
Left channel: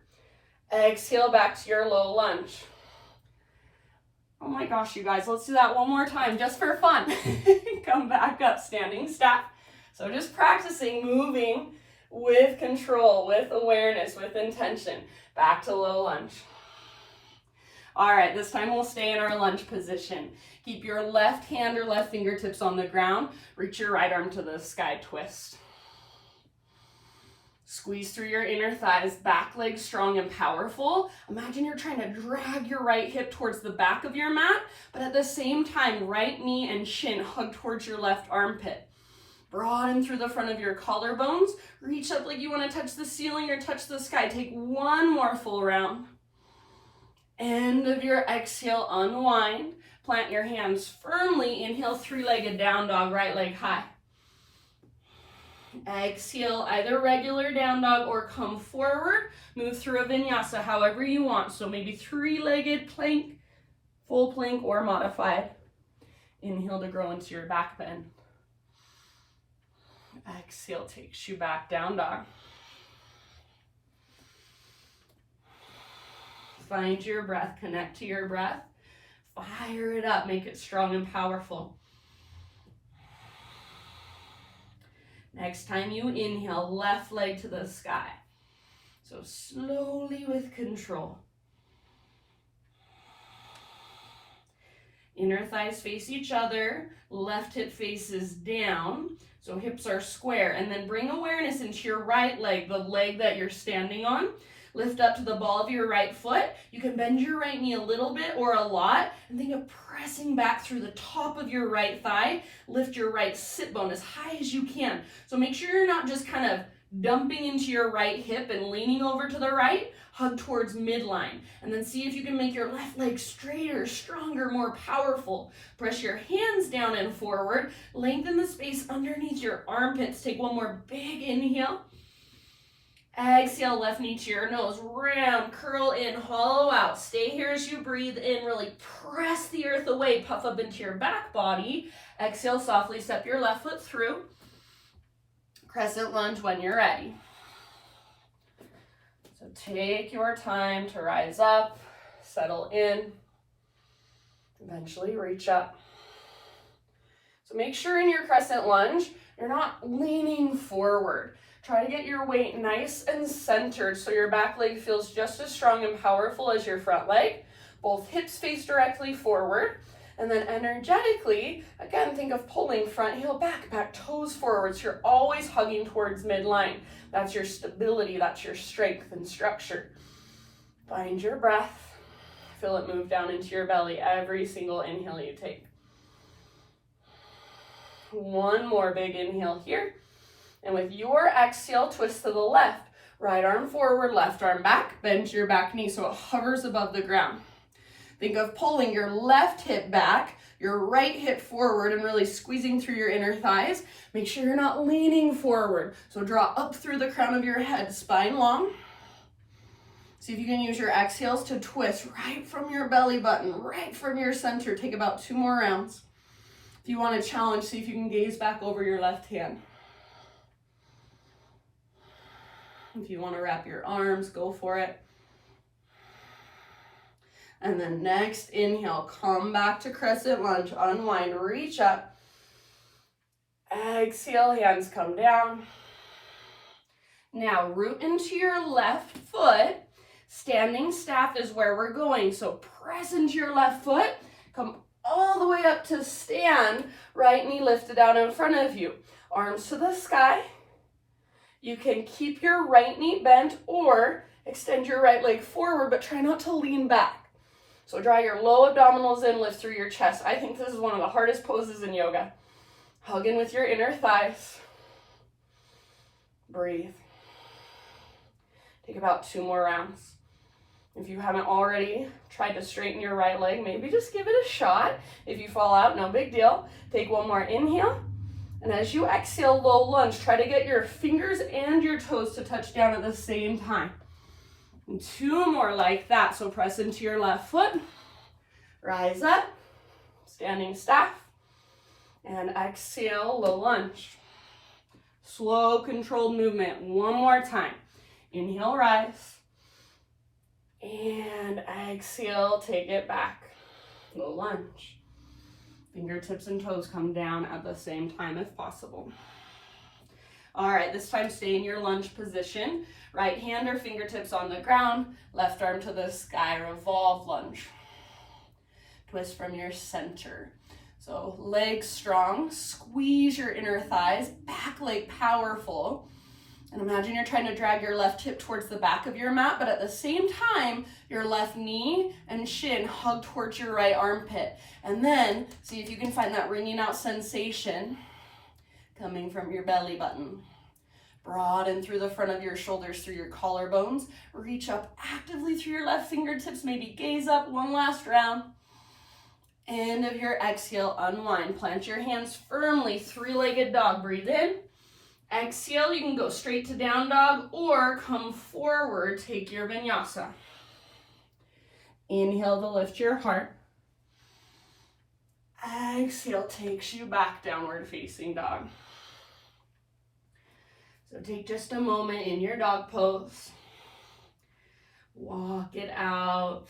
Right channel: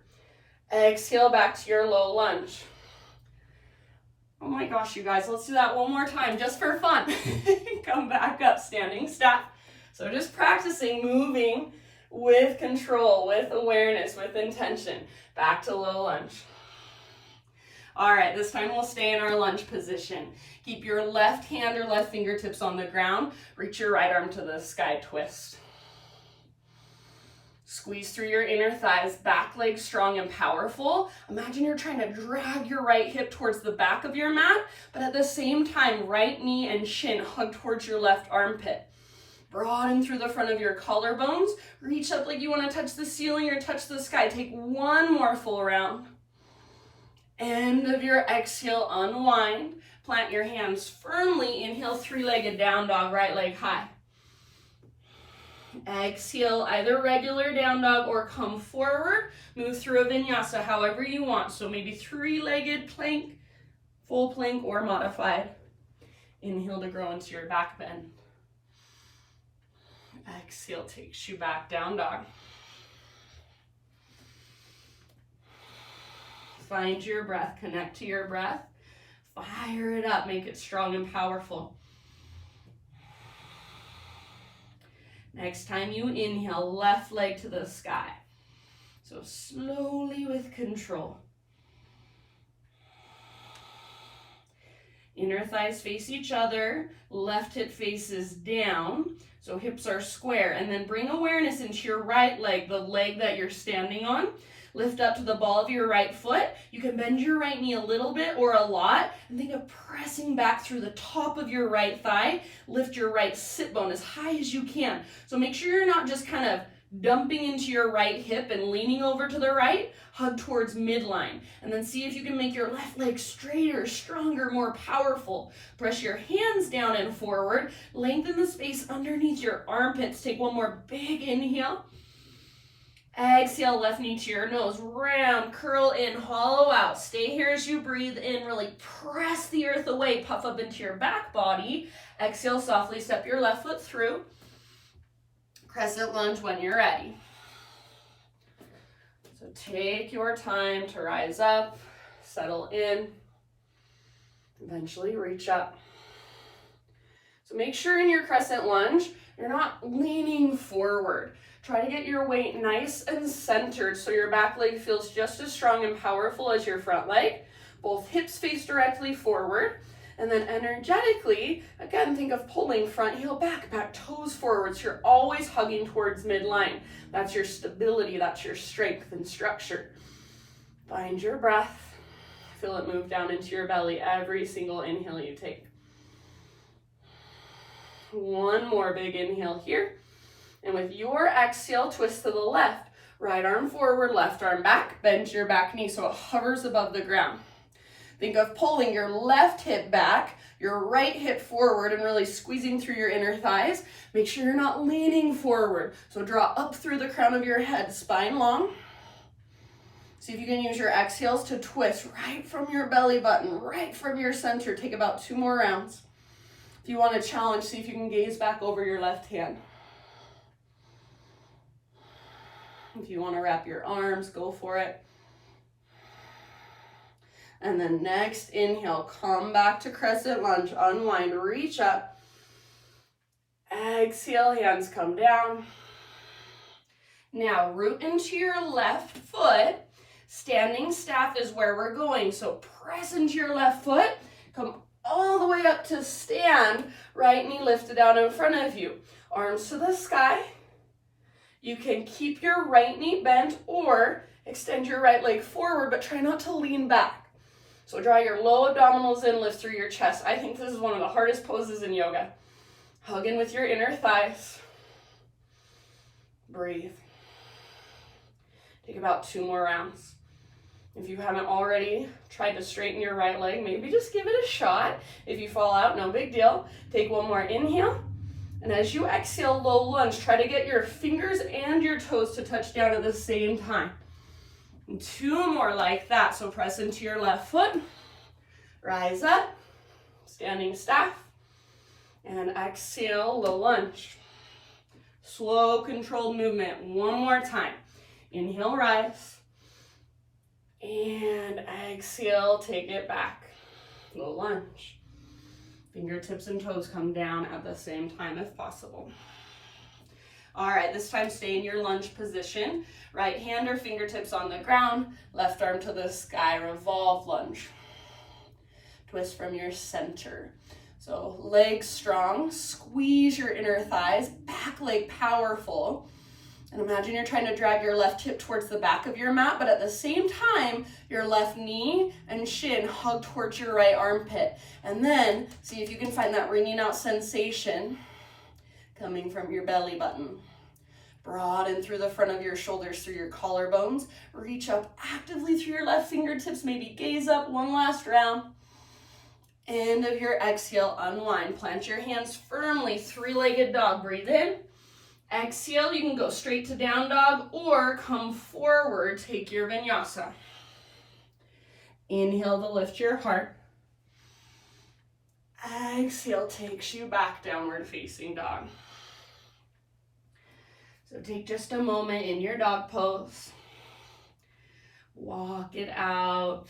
Exhale, back to your low lunge. Oh my gosh, you guys, let's do that one more time, just for fun. Come back up, standing staff. So just practicing moving with control, with awareness, with intention. Back to low lunge. All right, this time we'll stay in our lunge position. Keep your left hand or left fingertips on the ground. Reach your right arm to the sky, twist. Squeeze through your inner thighs, back leg strong and powerful. Imagine you're trying to drag your right hip towards the back of your mat, but at the same time, right knee and shin hug towards your left armpit. Broaden through the front of your collarbones. Reach up like you want to touch the ceiling or touch the sky. Take one more full round. End of your exhale, unwind. Plant your hands firmly. Inhale, three-legged down dog, right leg high. Exhale, either regular down dog or come forward. Move through a vinyasa however you want. So maybe three-legged plank, full plank, or modified. Inhale to grow into your back bend. Exhale takes you back, down dog. Find your breath, connect to your breath. Fire it up, make it strong and powerful. Next time you inhale, left leg to the sky. So slowly with control. Inner thighs face each other, left hip faces down, so hips are square. And then bring awareness into your right leg, the leg that you're standing on. Lift up to the ball of your right foot. You can bend your right knee a little bit or a lot, and think of pressing back through the top of your right thigh. Lift your right sit bone as high as you can. So make sure you're not just kind of dumping into your right hip and leaning over to the right. Hug towards midline, and then see if you can make your left leg straighter, stronger, more powerful. Press your hands down and forward. Lengthen the space underneath your armpits. Take one more big inhale. Exhale, left knee to your nose, round, curl in, hollow out. Stay here as you breathe in, really press the earth away, puff up into your back body. Exhale, softly step your left foot through. Crescent lunge when you're ready. So take your time to rise up, settle in, eventually reach up. So make sure in your crescent lunge, you're not leaning forward. Try to get your weight nice and centered so your back leg feels just as strong and powerful as your front leg. Both hips face directly forward. And then energetically, again, think of pulling front heel back, back toes forward. So you're always hugging towards midline. That's your stability, that's your strength and structure. Find your breath. Feel it move down into your belly every single inhale you take. One more big inhale here. And with your exhale, twist to the left. Right arm forward, left arm back. Bend your back knee so it hovers above the ground. Think of pulling your left hip back, your right hip forward, and really squeezing through your inner thighs. Make sure you're not leaning forward. So draw up through the crown of your head, spine long. See if you can use your exhales to twist right from your belly button, right from your center. Take about 2 more rounds. If you want to challenge, see if you can gaze back over your left hand. If you want to wrap your arms, go for it. And then next inhale, come back to crescent lunge, unwind, reach up. Exhale, hands come down. Now root into your left foot. Standing staff is where we're going. So press into your left foot, Come all the way up to stand, right knee lifted out in front of you. Arms to the sky. You can keep your right knee bent or extend your right leg forward, but try not to lean back. So draw your low abdominals in, lift through your chest. I think this is one of the hardest poses in yoga. Hug in with your inner thighs. Breathe. Take about 2 more rounds. If you haven't already tried to straighten your right leg, maybe just give it a shot. If you fall out, no big deal. Take 1 more inhale. And as you exhale, low lunge, try to get your fingers and your toes to touch down at the same time. And 2 more like that. So press into your left foot. Rise up. Standing staff. And exhale, low lunge. Slow, controlled movement. 1 more time. Inhale, rise. And exhale, take it back. Low lunge. Fingertips and toes come down at the same time if possible. All right, this time stay in your lunge position. Right hand or fingertips on the ground, left arm to the sky, revolve lunge. Twist from your center. So legs strong, squeeze your inner thighs, back leg powerful. And imagine you're trying to drag your left hip towards the back of your mat, but at the same time, your left knee and shin hug towards your right armpit. And then see if you can find that wringing out sensation coming from your belly button. Broaden through the front of your shoulders, through your collarbones. Reach up actively through your left fingertips, maybe gaze up 1 last round. End of your exhale, unwind. Plant your hands firmly, 3-legged dog. Breathe in. Exhale, you can go straight to down dog or come forward, take your vinyasa. Inhale to lift your heart. Exhale takes you back, downward facing dog. So take just a moment in your dog pose. Walk it out.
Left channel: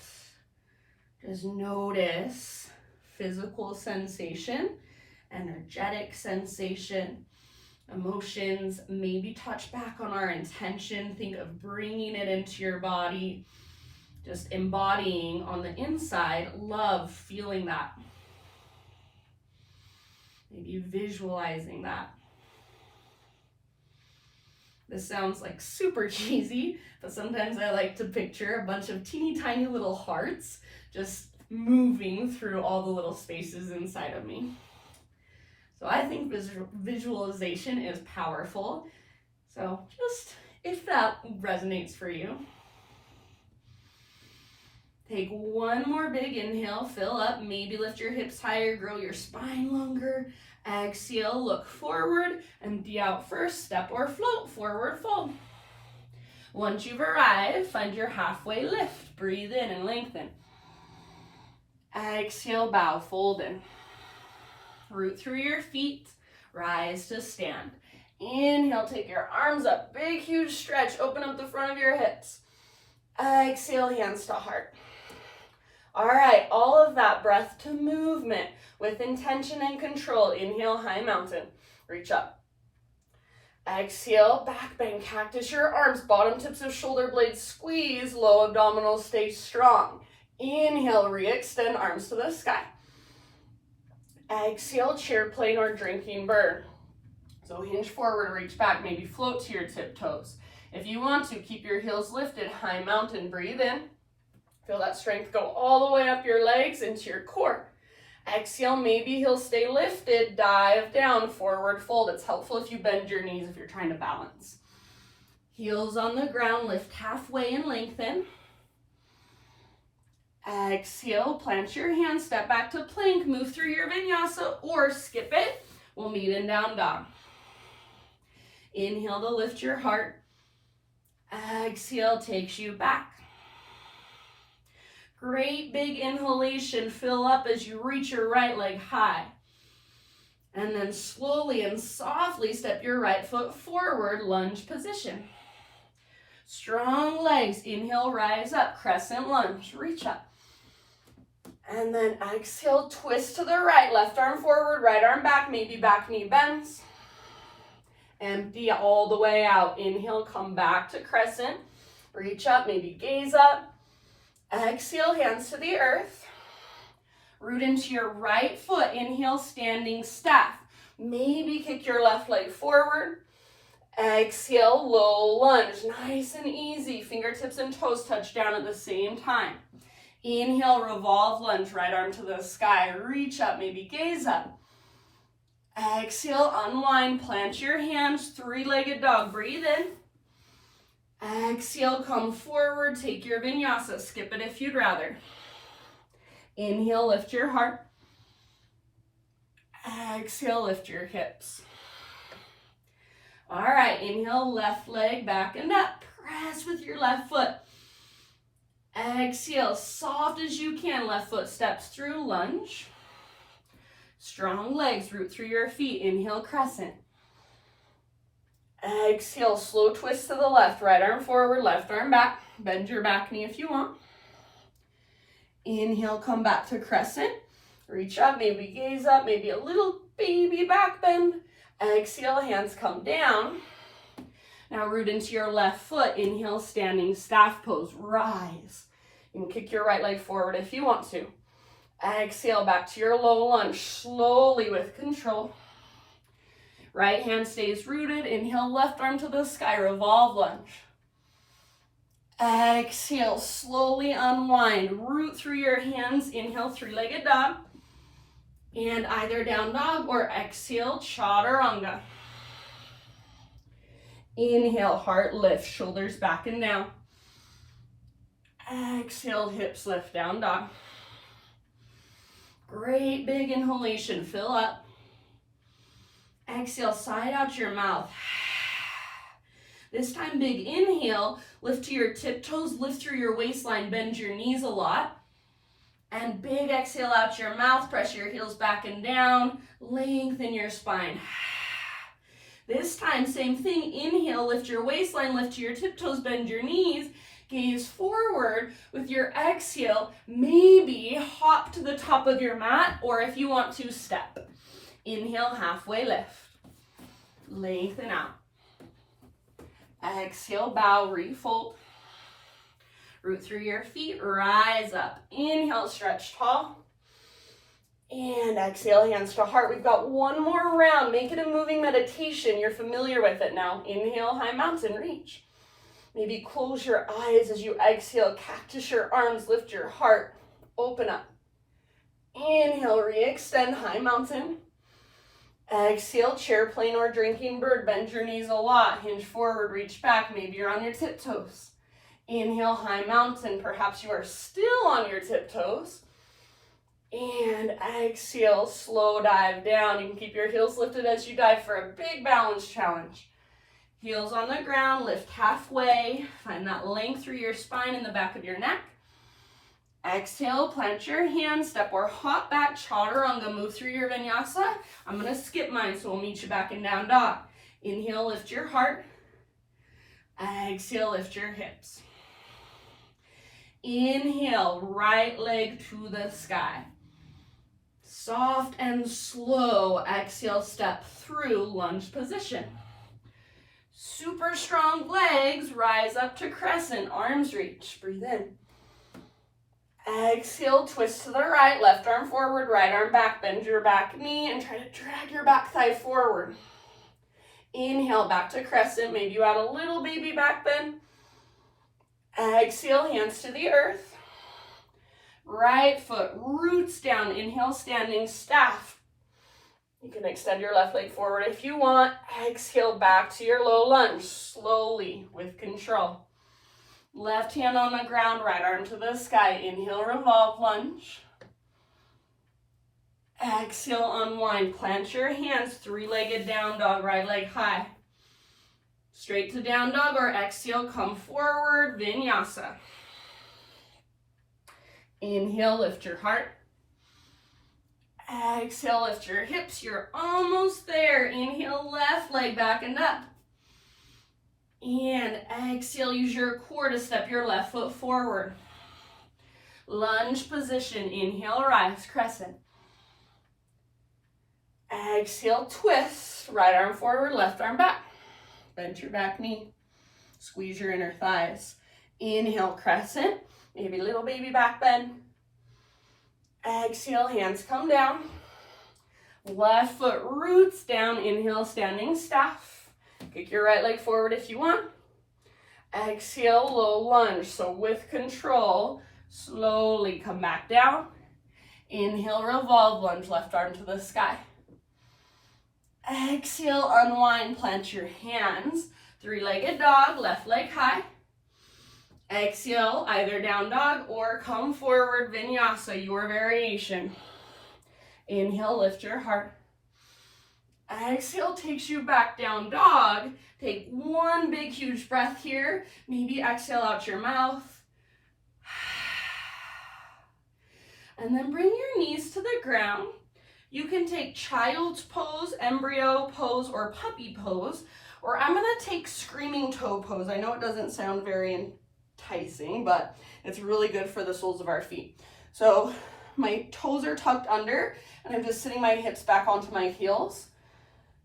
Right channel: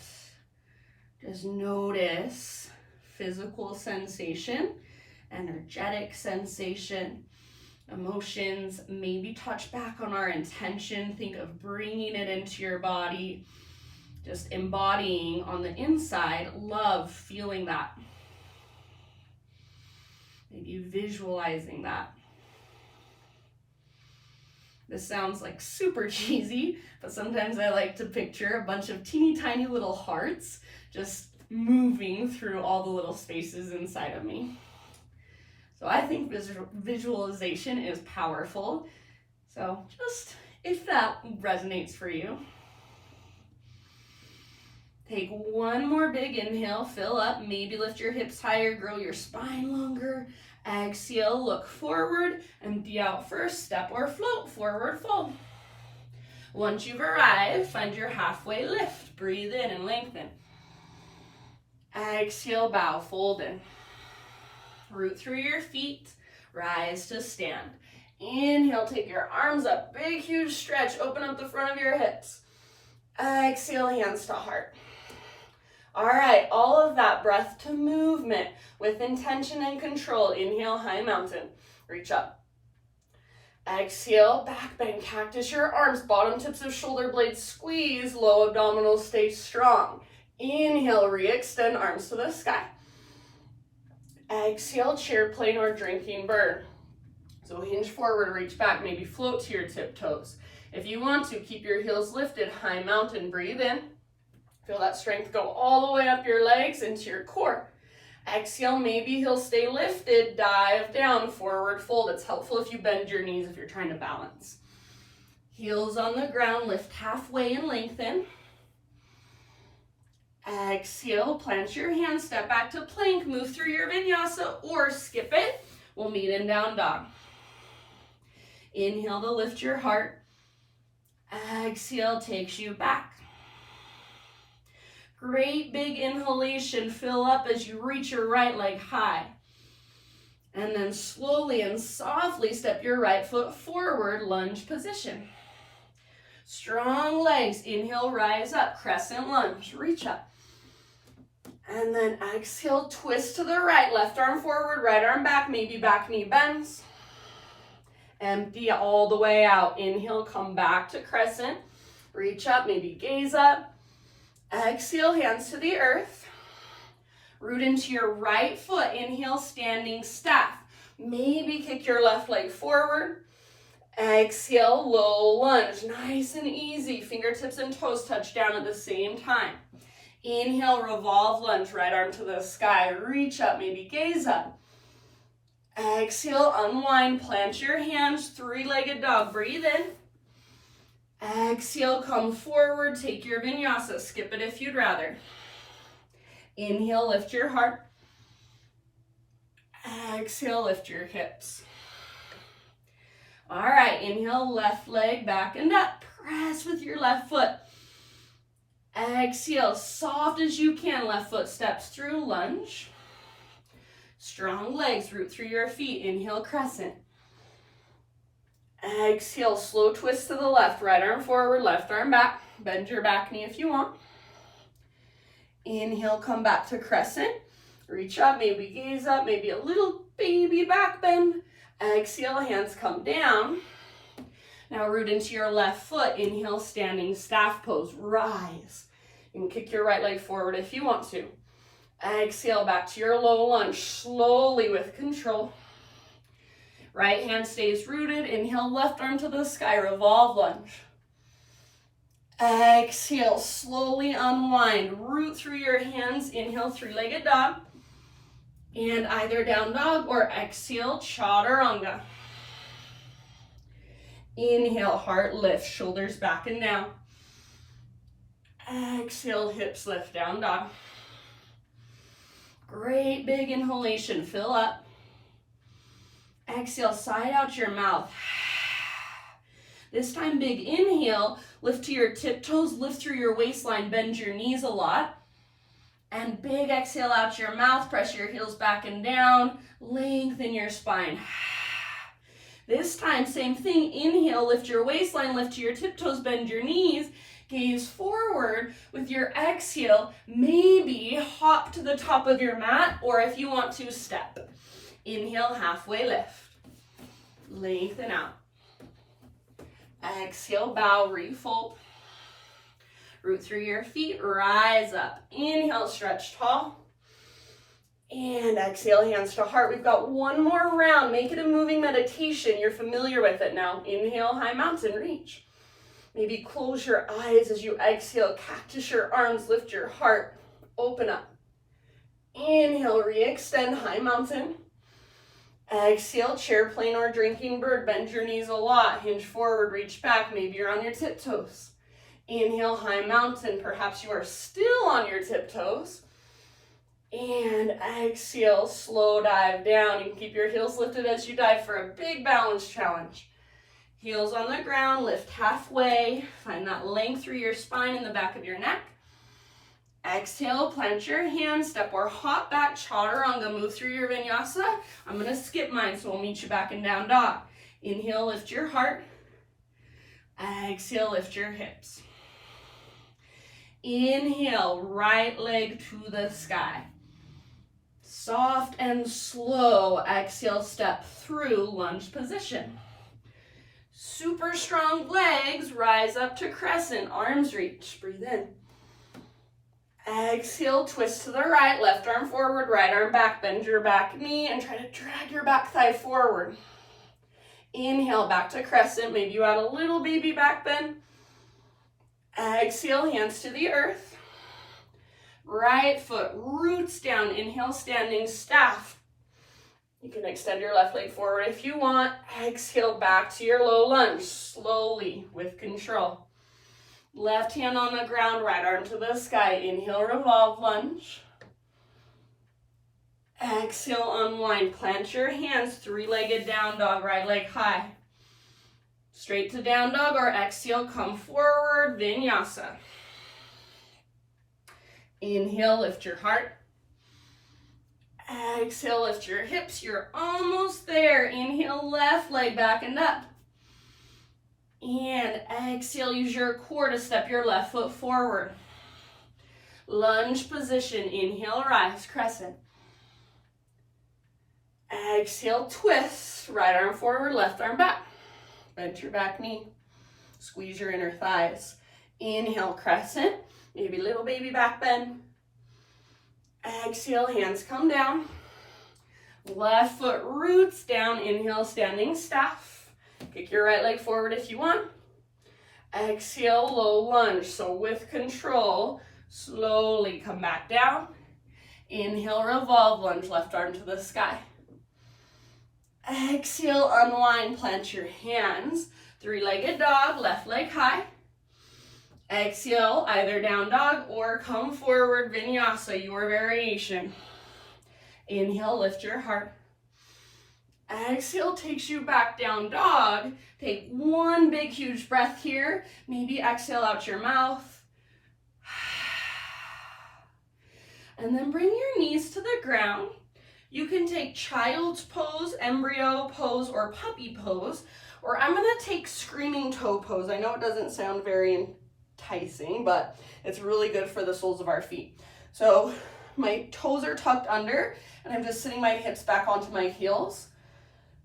Just notice physical sensation, energetic sensation. Emotions, maybe touch back on our intention. Think of bringing it into your body, just embodying on the inside, love, feeling that. Maybe visualizing that. This sounds like super cheesy, but sometimes I like to picture a bunch of teeny tiny little hearts just moving through all the little spaces inside of me. So I think visualization is powerful. So just if that resonates for you. Take 1 more big inhale, fill up, maybe lift your hips higher, grow your spine longer. Exhale, look forward, empty out first, step or float, forward fold. Once you've arrived, find your halfway lift. Breathe in and lengthen. Exhale, bow, fold in. Root through your feet, rise to stand. Inhale, take your arms up, big, huge stretch, open up the front of your hips. Exhale, hands to heart. All right, all of that breath to movement with intention and control. Inhale, high mountain, reach up. Exhale, back bend, cactus your arms, bottom tips of shoulder blades squeeze, low abdominals stay strong. Inhale, re-extend arms to the sky. Exhale, chair plane or drinking bird. So hinge forward, reach back, maybe float to your tiptoes. If you want to, keep your heels lifted, high mountain, breathe in. Feel that strength go all the way up your legs into your core. Exhale, maybe heels stay lifted, dive down, forward fold. It's helpful if you bend your knees if you're trying to balance. Heels on the ground, lift halfway and lengthen. Exhale, plant your hands, step back to plank, move through your vinyasa or skip it. We'll meet in down dog. Inhale to lift your heart. Exhale takes you back. Great big inhalation, fill up as you reach your right leg high. And then slowly and softly step your right foot forward, lunge position. Strong legs, inhale, rise up, crescent lunge, reach up. And then exhale, twist to the right, left arm forward, right arm back, maybe back knee bends. Empty all the way out. Inhale, come back to crescent. Reach up, maybe gaze up. Exhale, hands to the earth. Root into your right foot. Inhale, standing staff. Maybe kick your left leg forward. Exhale, low lunge. Nice and easy. Fingertips and toes touch down at the same time. Inhale, revolve lunge. Right arm to the sky. Reach up, maybe gaze up. Exhale, unwind. Plant your hands. Three-legged dog. Breathe in. Exhale, come forward. Take your vinyasa. Skip it if you'd rather. Inhale, lift your heart. Exhale, lift your hips. All right, inhale, left leg back and up. Press with your left foot. Exhale, soft as you can. Left foot steps through, lunge. Strong legs, root through your feet. Inhale, crescent. Exhale, slow twist to the left. Right arm forward, left arm back. Bend your back knee if you want. Inhale, come back to crescent. Reach up, maybe gaze up, maybe a little baby back bend. Exhale, hands come down. Now root into your left foot. Inhale, standing staff pose. Rise. You can kick your right leg forward if you want to. Exhale, back to your low lunge. Slowly with control. Right hand stays rooted. Inhale, left arm to the sky. Revolve lunge. Exhale, slowly unwind. Root through your hands. Inhale, three-legged dog. And either down dog or exhale, chaturanga. Inhale, heart lift, shoulders back and down. Exhale, hips lift, down dog. Great big inhalation, fill up. Exhale, side out your mouth. This time, big inhale, lift to your tiptoes, lift through your waistline, bend your knees a lot. And big exhale out your mouth, press your heels back and down, lengthen your spine. This time, same thing, inhale, lift your waistline, lift to your tiptoes, bend your knees, gaze forward. With your exhale, maybe hop to the top of your mat, or if you want to, step. Inhale, halfway lift. Lengthen out. Exhale, bow, refold. Root through your feet, rise up. Inhale, stretch tall. And exhale, hands to heart. We've got one more round. Make it a moving meditation. You're familiar with it now. Inhale, high mountain, reach. Maybe close your eyes as you exhale. Cactus your arms, lift your heart. Open up. Inhale, re-extend, high mountain. Exhale, chair plane or drinking bird. Bend your knees a lot. Hinge forward, reach back. Maybe you're on your tiptoes. Inhale, high mountain. Perhaps you are still on your tiptoes. And exhale, slow dive down. You can keep your heels lifted as you dive for a big balance challenge. Heels on the ground, lift halfway. Find that length through your spine and the back of your neck. Exhale, plant your hands, step or hop back, chaturanga. Move through your vinyasa. I'm going to skip mine, so we'll meet you back in down dog. Inhale, lift your heart. Exhale, lift your hips. Inhale, right leg to the sky. Soft and slow. Exhale, step through lunge position. Super strong legs. Rise up to crescent. Arms reach. Breathe in. Exhale, twist to the right. Left arm forward, right arm back. Bend your back knee and try to drag your back thigh forward. Inhale, back to crescent. Maybe you add a little baby back bend. Exhale, hands to the earth. Right foot roots down. Inhale, standing staff. You can extend your left leg forward if you want. Exhale, back to your low lunge. Slowly, with control. Left hand on the ground, right arm to the sky. Inhale, revolve lunge. Exhale, unwind. Plant your hands, three-legged down dog, right leg high. Straight to down dog or exhale, come forward, vinyasa. Inhale, lift your heart. Exhale, lift your hips. You're almost there. Inhale, left leg back and up. And exhale, use your core to step your left foot forward. Lunge position. Inhale, rise, crescent. Exhale, twist. Right arm forward, left arm back. Bend your back knee. Squeeze your inner thighs. Inhale, crescent. Maybe little baby back bend. Exhale, hands come down. Left foot roots down. Inhale, standing staff. Kick your right leg forward if you want. Exhale, low lunge. So with control, slowly come back down. Inhale, revolve lunge, left arm to the sky. Exhale, unwind, plant your hands. Three-legged dog, left leg high. Exhale, either down dog or come forward, vinyasa, your variation. Inhale, lift your heart. Exhale takes you back down dog. Take one big, huge breath here. Maybe exhale out your mouth. And then bring your knees to the ground. You can take child's pose, embryo pose, or puppy pose, or I'm gonna take screaming toe pose. I know it doesn't sound very enticing, but it's really good for the soles of our feet. So my toes are tucked under, and I'm just sitting my hips back onto my heels,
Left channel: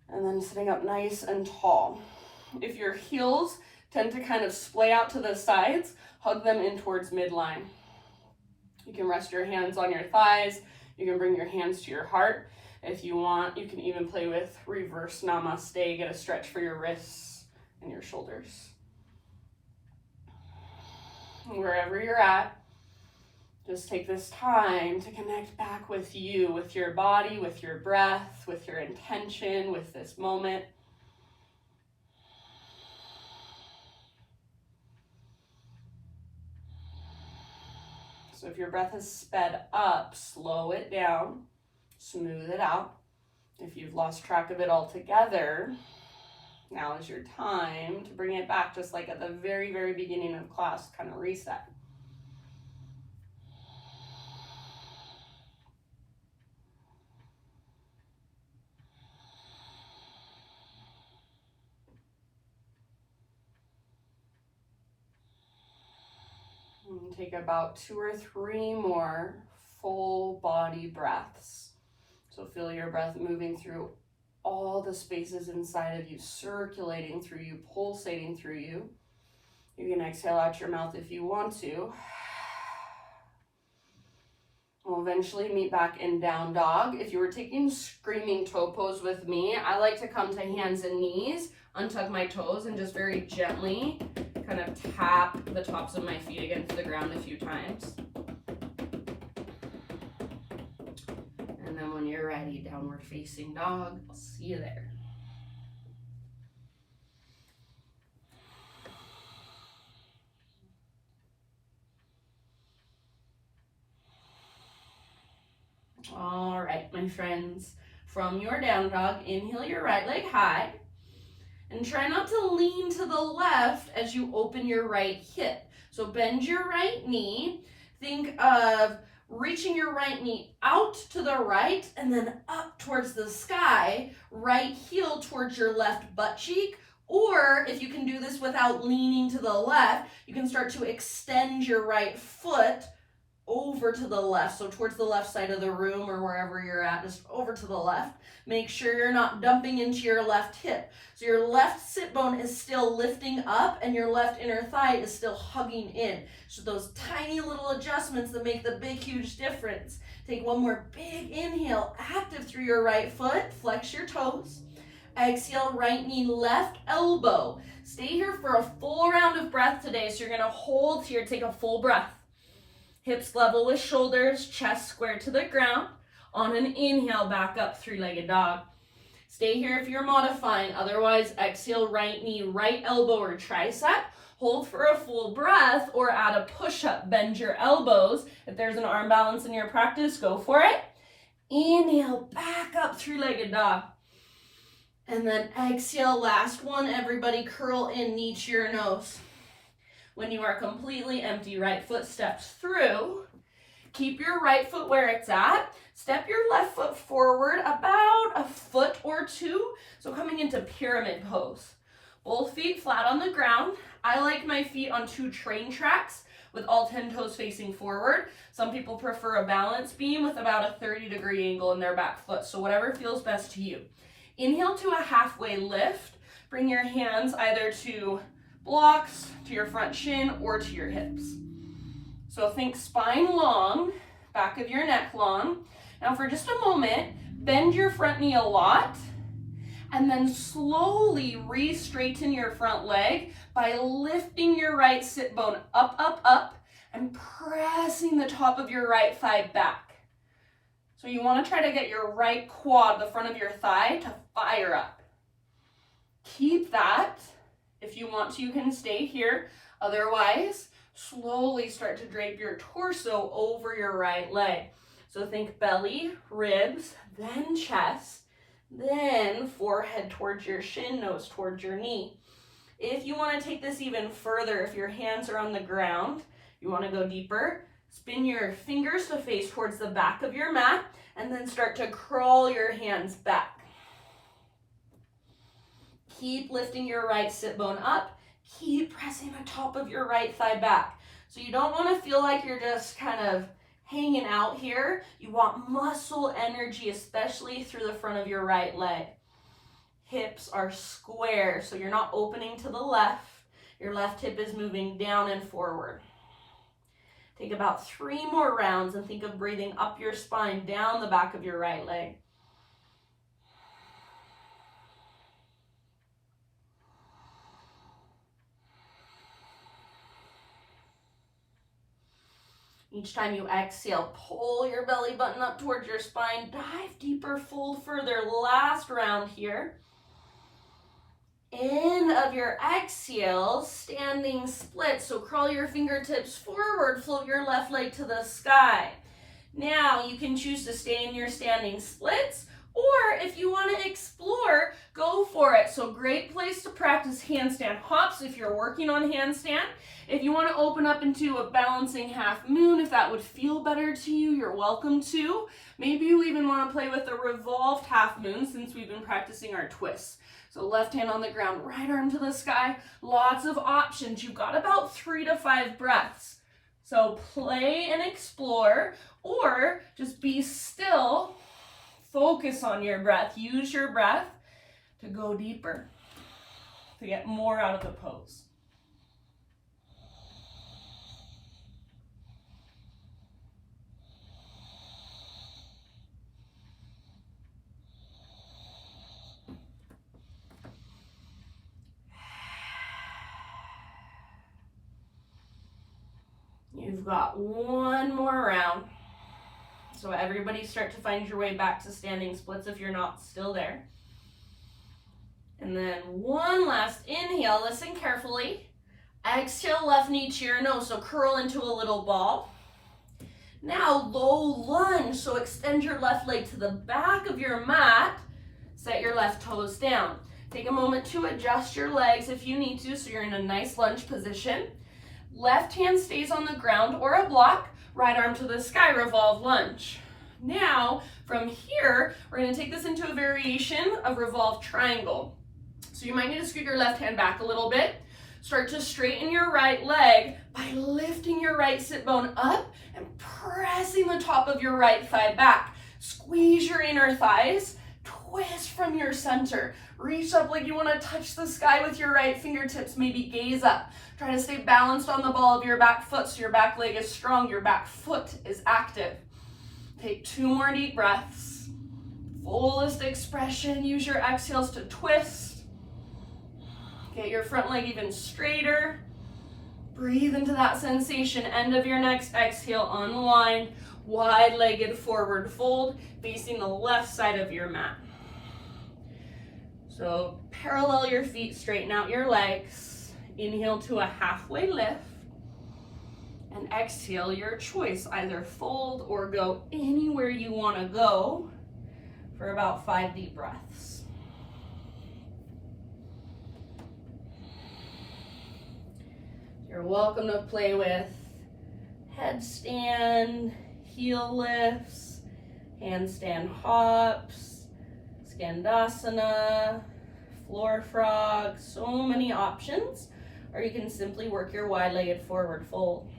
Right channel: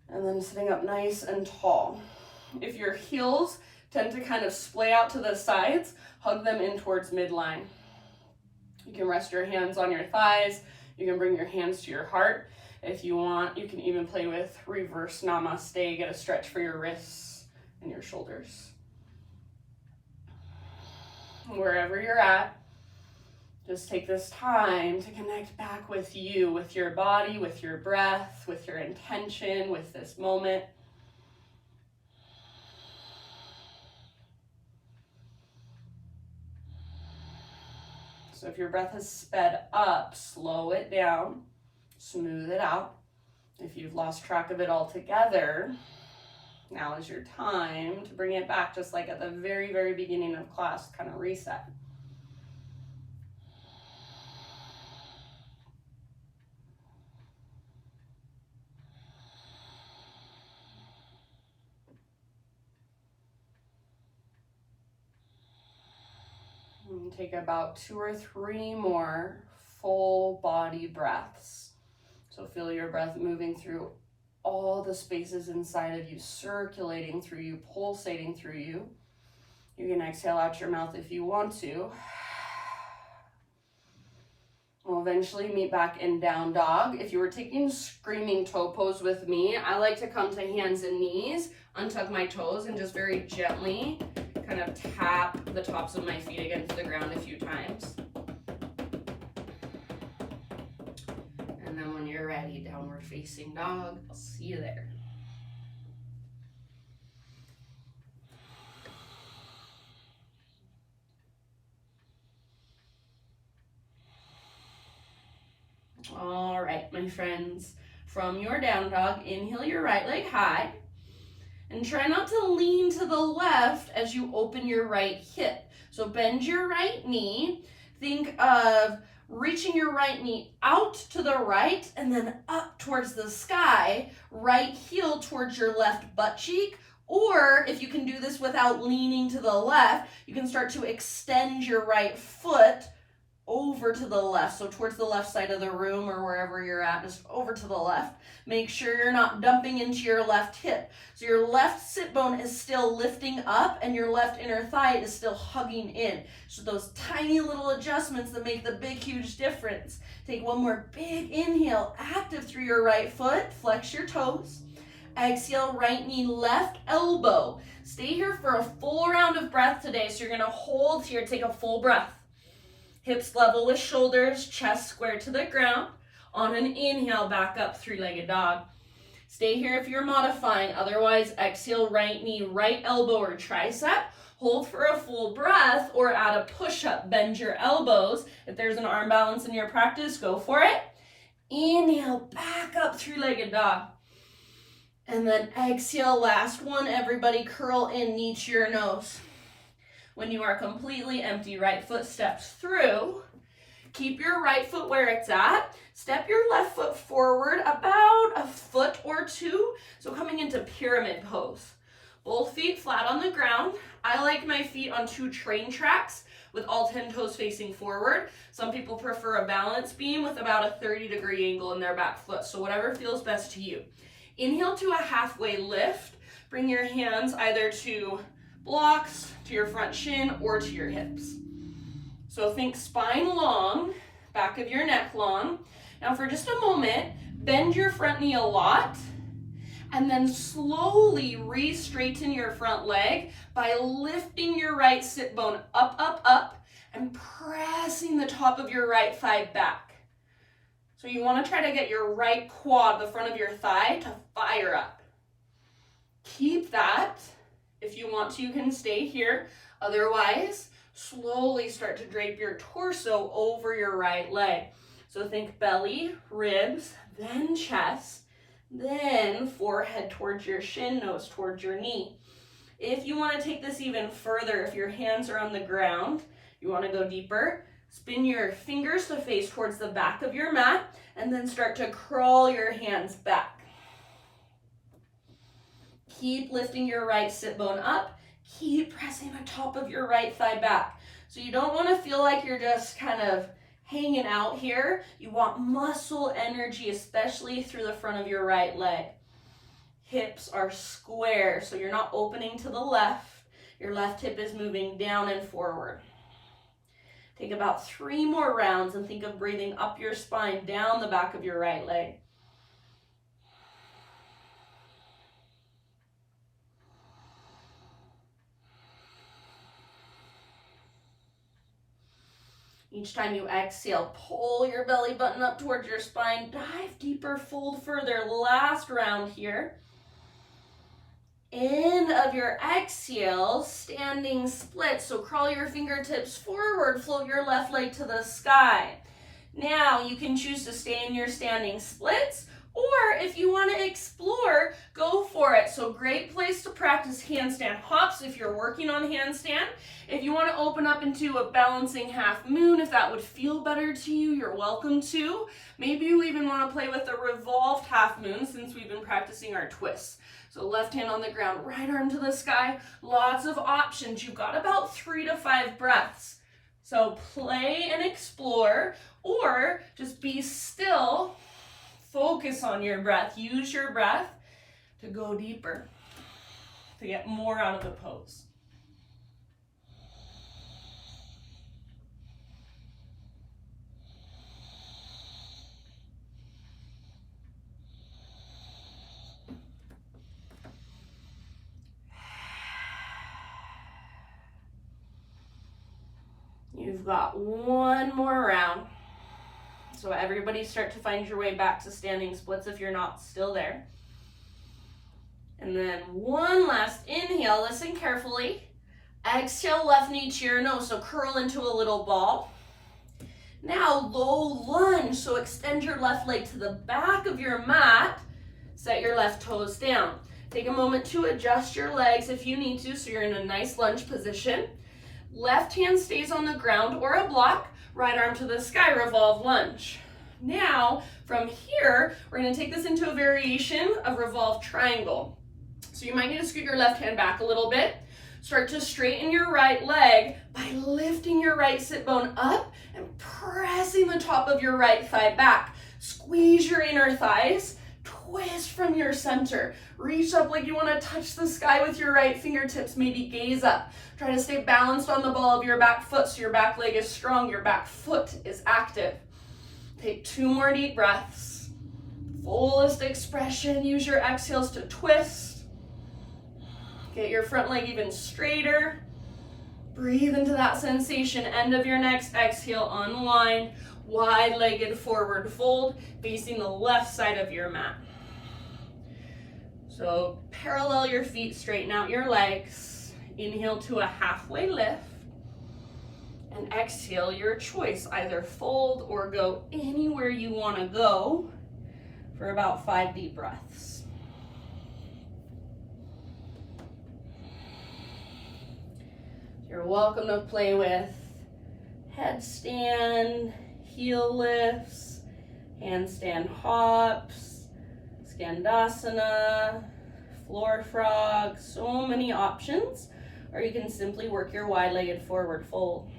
and then sitting up nice and tall. If your heels tend to kind of splay out to the sides, hug them in towards midline. You can rest your hands on your thighs. You can bring your hands to your heart. If you want, you can even play with reverse namaste, get a stretch for your wrists and your shoulders. Wherever you're at, just take this time to connect back with you, with your body, with your breath, with your intention, with this moment. So if your breath has sped up, slow it down, smooth it out. If you've lost track of it altogether, now is your time to bring it back, just like at the very, very beginning of class, kind of reset. And take about 2 or 3 more full body breaths. So feel your breath moving through all the spaces inside of you, circulating through you, pulsating through you. You can exhale out your mouth if you want to. We'll eventually meet back in down dog. If you were taking screaming toe pose with me, I like to come to hands and knees, untuck my toes, and just very gently kind of tap the tops of my feet against the ground a few times. And then when you're ready, downward facing dog. I'll see you there. All right, my friends, from your down dog, inhale your right leg high, and try not to lean to the left as you open your right hip. So bend your right knee. Think of reaching your right knee out to the right and then up towards the sky, right heel towards your left butt cheek. Or if you can do this without leaning to the left, you can start to extend your right foot over to the left, so towards the left side of the room or wherever you're at, just over to the left. Make sure you're not dumping into your left hip. So your left sit bone is still lifting up and your left inner thigh is still hugging in. So those tiny little adjustments that make the big, huge difference. Take one more big inhale, active through your right foot, flex your toes. Exhale, right knee, left elbow. Stay here for a full round of breath today. So you're gonna hold here, take a full breath. Hips level with shoulders, chest square to the ground. On an inhale, back up, three-legged dog. Stay here if you're modifying. Otherwise, exhale, right knee, right elbow or tricep. Hold for a full breath or add a push-up. Bend your elbows. If there's an arm balance in your practice, go for it. Inhale, back up, three-legged dog. And then exhale, last one. Everybody curl in, knee to your nose. When you are completely empty, right foot steps through. Keep your right foot where it's at. Step your left foot forward about a foot or two. So coming into pyramid pose. Both feet flat on the ground. I like my feet on 2 train tracks with all 10 toes facing forward. Some people prefer a balance beam with about a 30-degree angle in their back foot. So whatever feels best to you. Inhale to a halfway lift. Bring your hands either to blocks, to your front shin, or to your hips. So think spine long, back of your neck long. Now for just a moment, bend your front knee a lot, and then slowly re-straighten your front leg by lifting your right sit bone up, up, up, and pressing the top of your right thigh back. So you want to try to get your right quad, the front of your thigh, to fire up. Keep that. If you want to, you can stay here. Otherwise, slowly start to drape your torso over your right leg. So think belly, ribs, then chest, then forehead towards your shin, nose towards your knee. If you want to take this even further, if your hands are on the ground, you want to go deeper, spin your fingers to face towards the back of your mat, and then start to crawl your hands back. Keep lifting your right sit bone up. Keep pressing the top of your right thigh back. So you don't want to feel like you're just kind of hanging out here. You want muscle energy, especially through the front of your right leg. Hips are square, so you're not opening to the left. Your left hip is moving down and forward. Take about 3 more rounds and think of breathing up your spine, down the back of your right leg. Each time you exhale, pull your belly button up towards your spine, dive deeper, fold further. Last round here. End of your exhale, standing split. So crawl your fingertips forward, float your left leg to the sky. Now you can choose to stay in your standing splits, or if you want to explore, go for it. So great place to practice handstand hops if you're working on handstand. If you want to open up into a balancing half moon, if that would feel better to you, you're welcome to. Maybe you even want to play with a revolved half moon since we've been practicing our twists. So left hand on the ground, right arm to the sky, lots of options. You've got about 3 to 5 breaths. So play and explore, or just be still, focus on your breath. Use your breath to go deeper, to get more out of the pose. You've got 1 more round. So everybody start to find your way back to standing splits if you're not still there. And then 1 last inhale, listen carefully. Exhale, left knee to your nose, so curl into a little ball. Now low lunge, so extend your left leg to the back of your mat. Set your left toes down. Take a moment to adjust your legs if you need to, so you're in a nice lunge position. Left hand stays on the ground or a block, right arm to the sky, revolve lunge. Now, from here, we're gonna take this into a variation of revolve triangle. So you might need to scoot your left hand back a little bit. Start to straighten your right leg by lifting your right sit bone up and pressing the top of your right thigh back. Squeeze your inner thighs, twist from your center. Reach up like you wanna touch the sky with your right fingertips, maybe gaze up. Try to stay balanced on the ball of your back foot so your back leg is strong, your back foot is active. Take 2 more deep breaths. Fullest expression, use your exhales to twist. Get your front leg even straighter. Breathe into that sensation. End of your next exhale, unwind. Wide-legged forward fold, facing the left side of your mat. So parallel your feet, straighten out your legs. Inhale to a halfway lift. And exhale your choice. Either fold or go anywhere you want to go for about 5 deep breaths. You're welcome to play with headstand, heel lifts, handstand hops, skandasana, floor frog, so many options. Or you can simply work your wide-legged forward fold.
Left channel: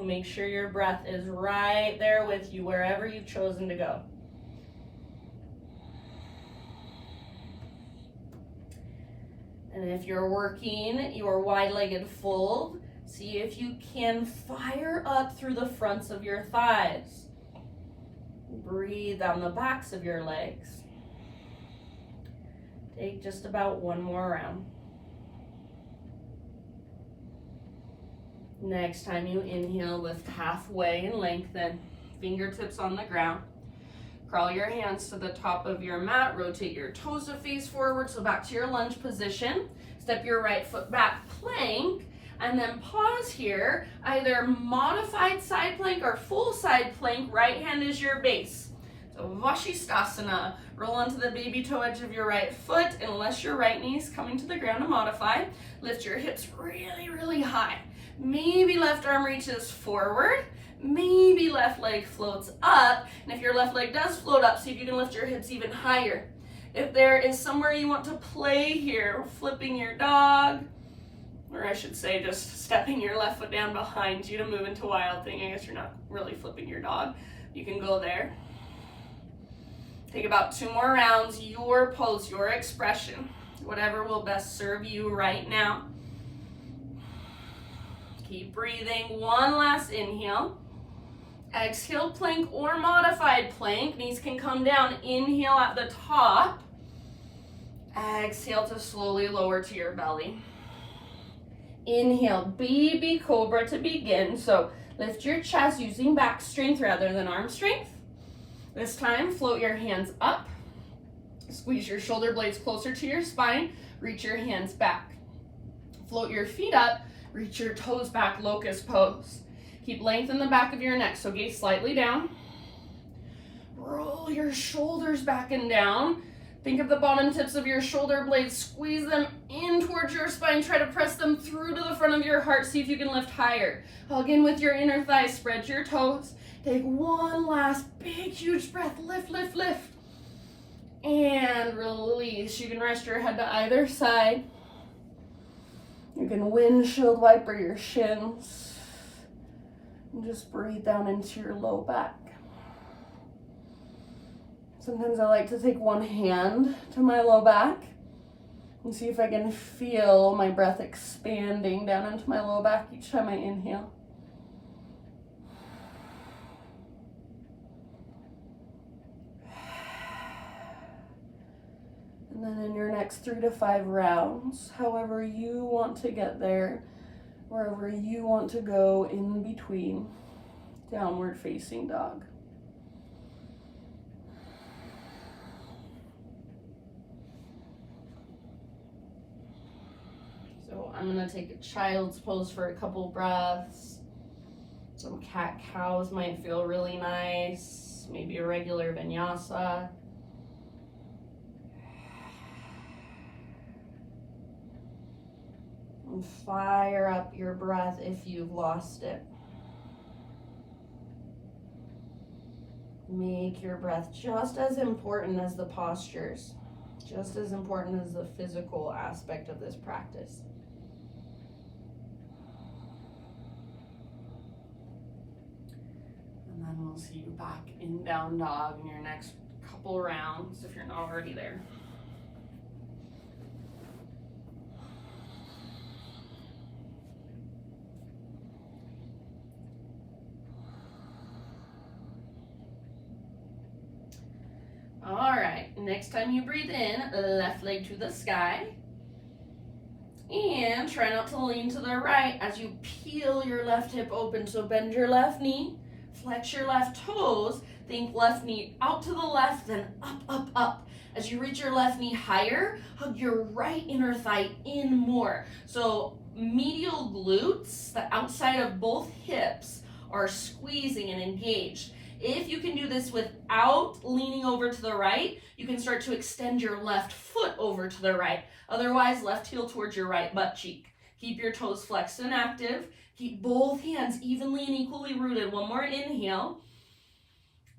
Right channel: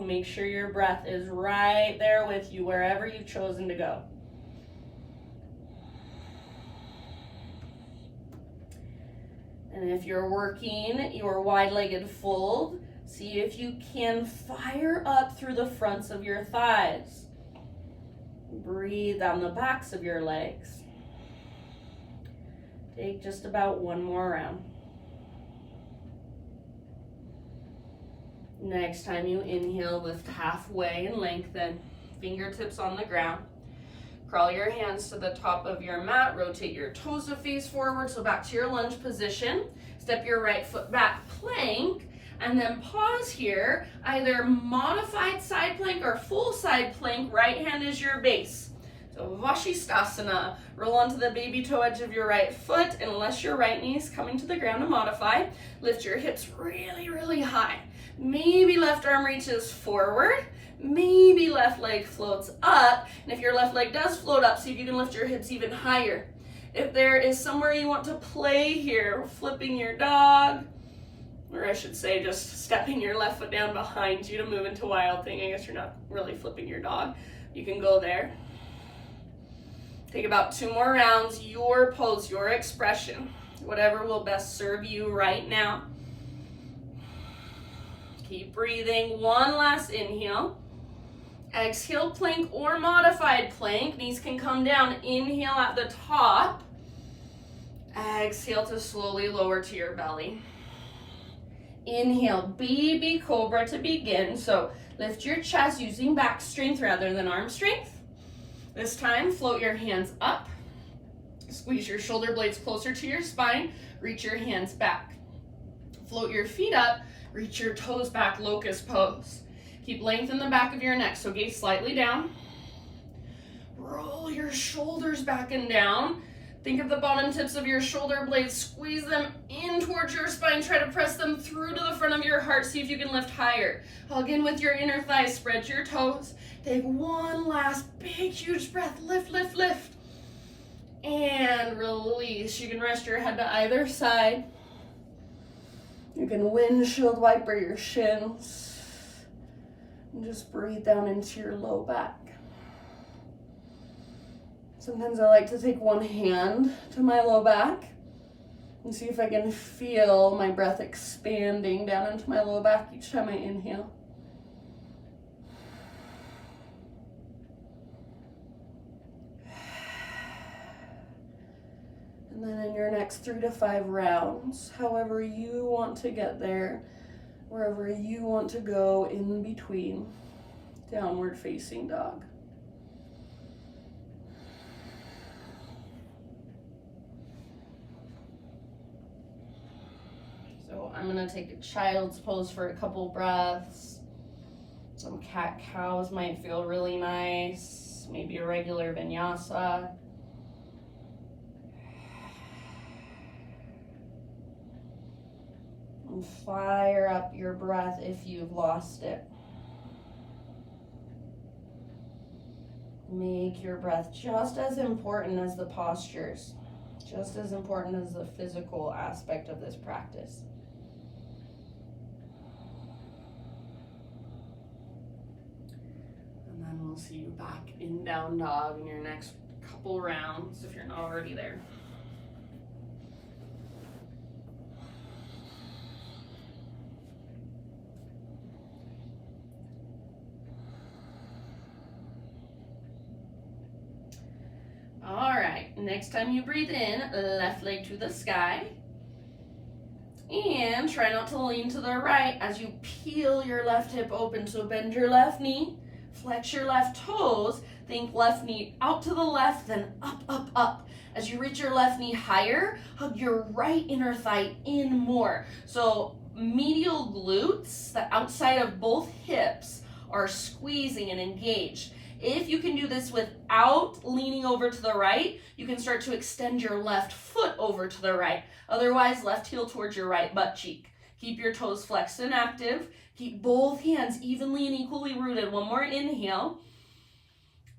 Make sure your breath is right there with you wherever you've chosen to go. And if you're working your wide-legged fold, See if you can fire up through the fronts of your thighs. Breathe down the backs of your legs. Take just about one more round. Next time you inhale, lift halfway and lengthen. Fingertips on the ground. Crawl your hands to the top of your mat. Rotate your toes to face forward, so back to your lunge position. Step your right foot back, plank, and then pause here. Either modified side plank or full side plank. Right hand is your base. So Vashisthasana. Roll onto the baby toe edge of your right foot, unless your right knee is coming to the ground to modify. Lift your hips really, really high. Maybe left arm reaches forward. Maybe left leg floats up. And if your left leg does float up, see if you can lift your hips even higher. If there is somewhere you want to play here, flipping your dog, or I should say just stepping your left foot down behind you to move into wild thing. I guess you're not really flipping your dog. You can go there. Take about 2 more rounds, your pose, your expression, whatever will best serve you right now. Keep breathing. One last inhale. Exhale, plank or modified plank. Knees can come down. Inhale at the top. Exhale to slowly lower to your belly. Inhale, baby cobra to begin. So lift your chest using back strength rather than arm strength. This time, float your hands up. Squeeze your shoulder blades closer to your spine. Reach your hands back. Float your feet up. Reach your toes back, locust pose. Keep length in the back of your neck, so gaze slightly down. Roll your shoulders back and down. Think of the bottom tips of your shoulder blades. Squeeze them in towards your spine. Try to press them through to the front of your heart. See if you can lift higher. Hug in with your inner thighs. Spread your toes. Take one last big, huge breath. Lift, lift, lift. And release. You can rest your head to either side. You can windshield wiper your shins. And just breathe down into your low back. Sometimes I like to take one hand to my low back and see if I can feel my breath expanding down into my low back each time I inhale. And then in your next 3 to 5 rounds, however you want to get there, wherever you want to go in between, downward facing dog. So I'm gonna take a child's pose for a couple breaths. Some cat-cows might feel really nice. Maybe a regular vinyasa. And fire up your breath if you've lost it. Make your breath just as important as the postures, just as important as the physical aspect of this practice. And then we'll see you back in down dog in your next couple rounds if you're not already there. All right, next time you breathe in, left leg to the sky. And try not to lean to the right as you peel your left hip open. So bend your left knee, flex your left toes, think left knee out to the left, then up, up, up. As you reach your left knee higher, hug your right inner thigh in more. So medial glutes, the outside of both hips, are squeezing and engaged. If you can do this without leaning over to the right, you can start to extend your left foot over to the right. Otherwise, left heel towards your right butt cheek. Keep your toes flexed and active. Keep both hands evenly and equally rooted. One more inhale.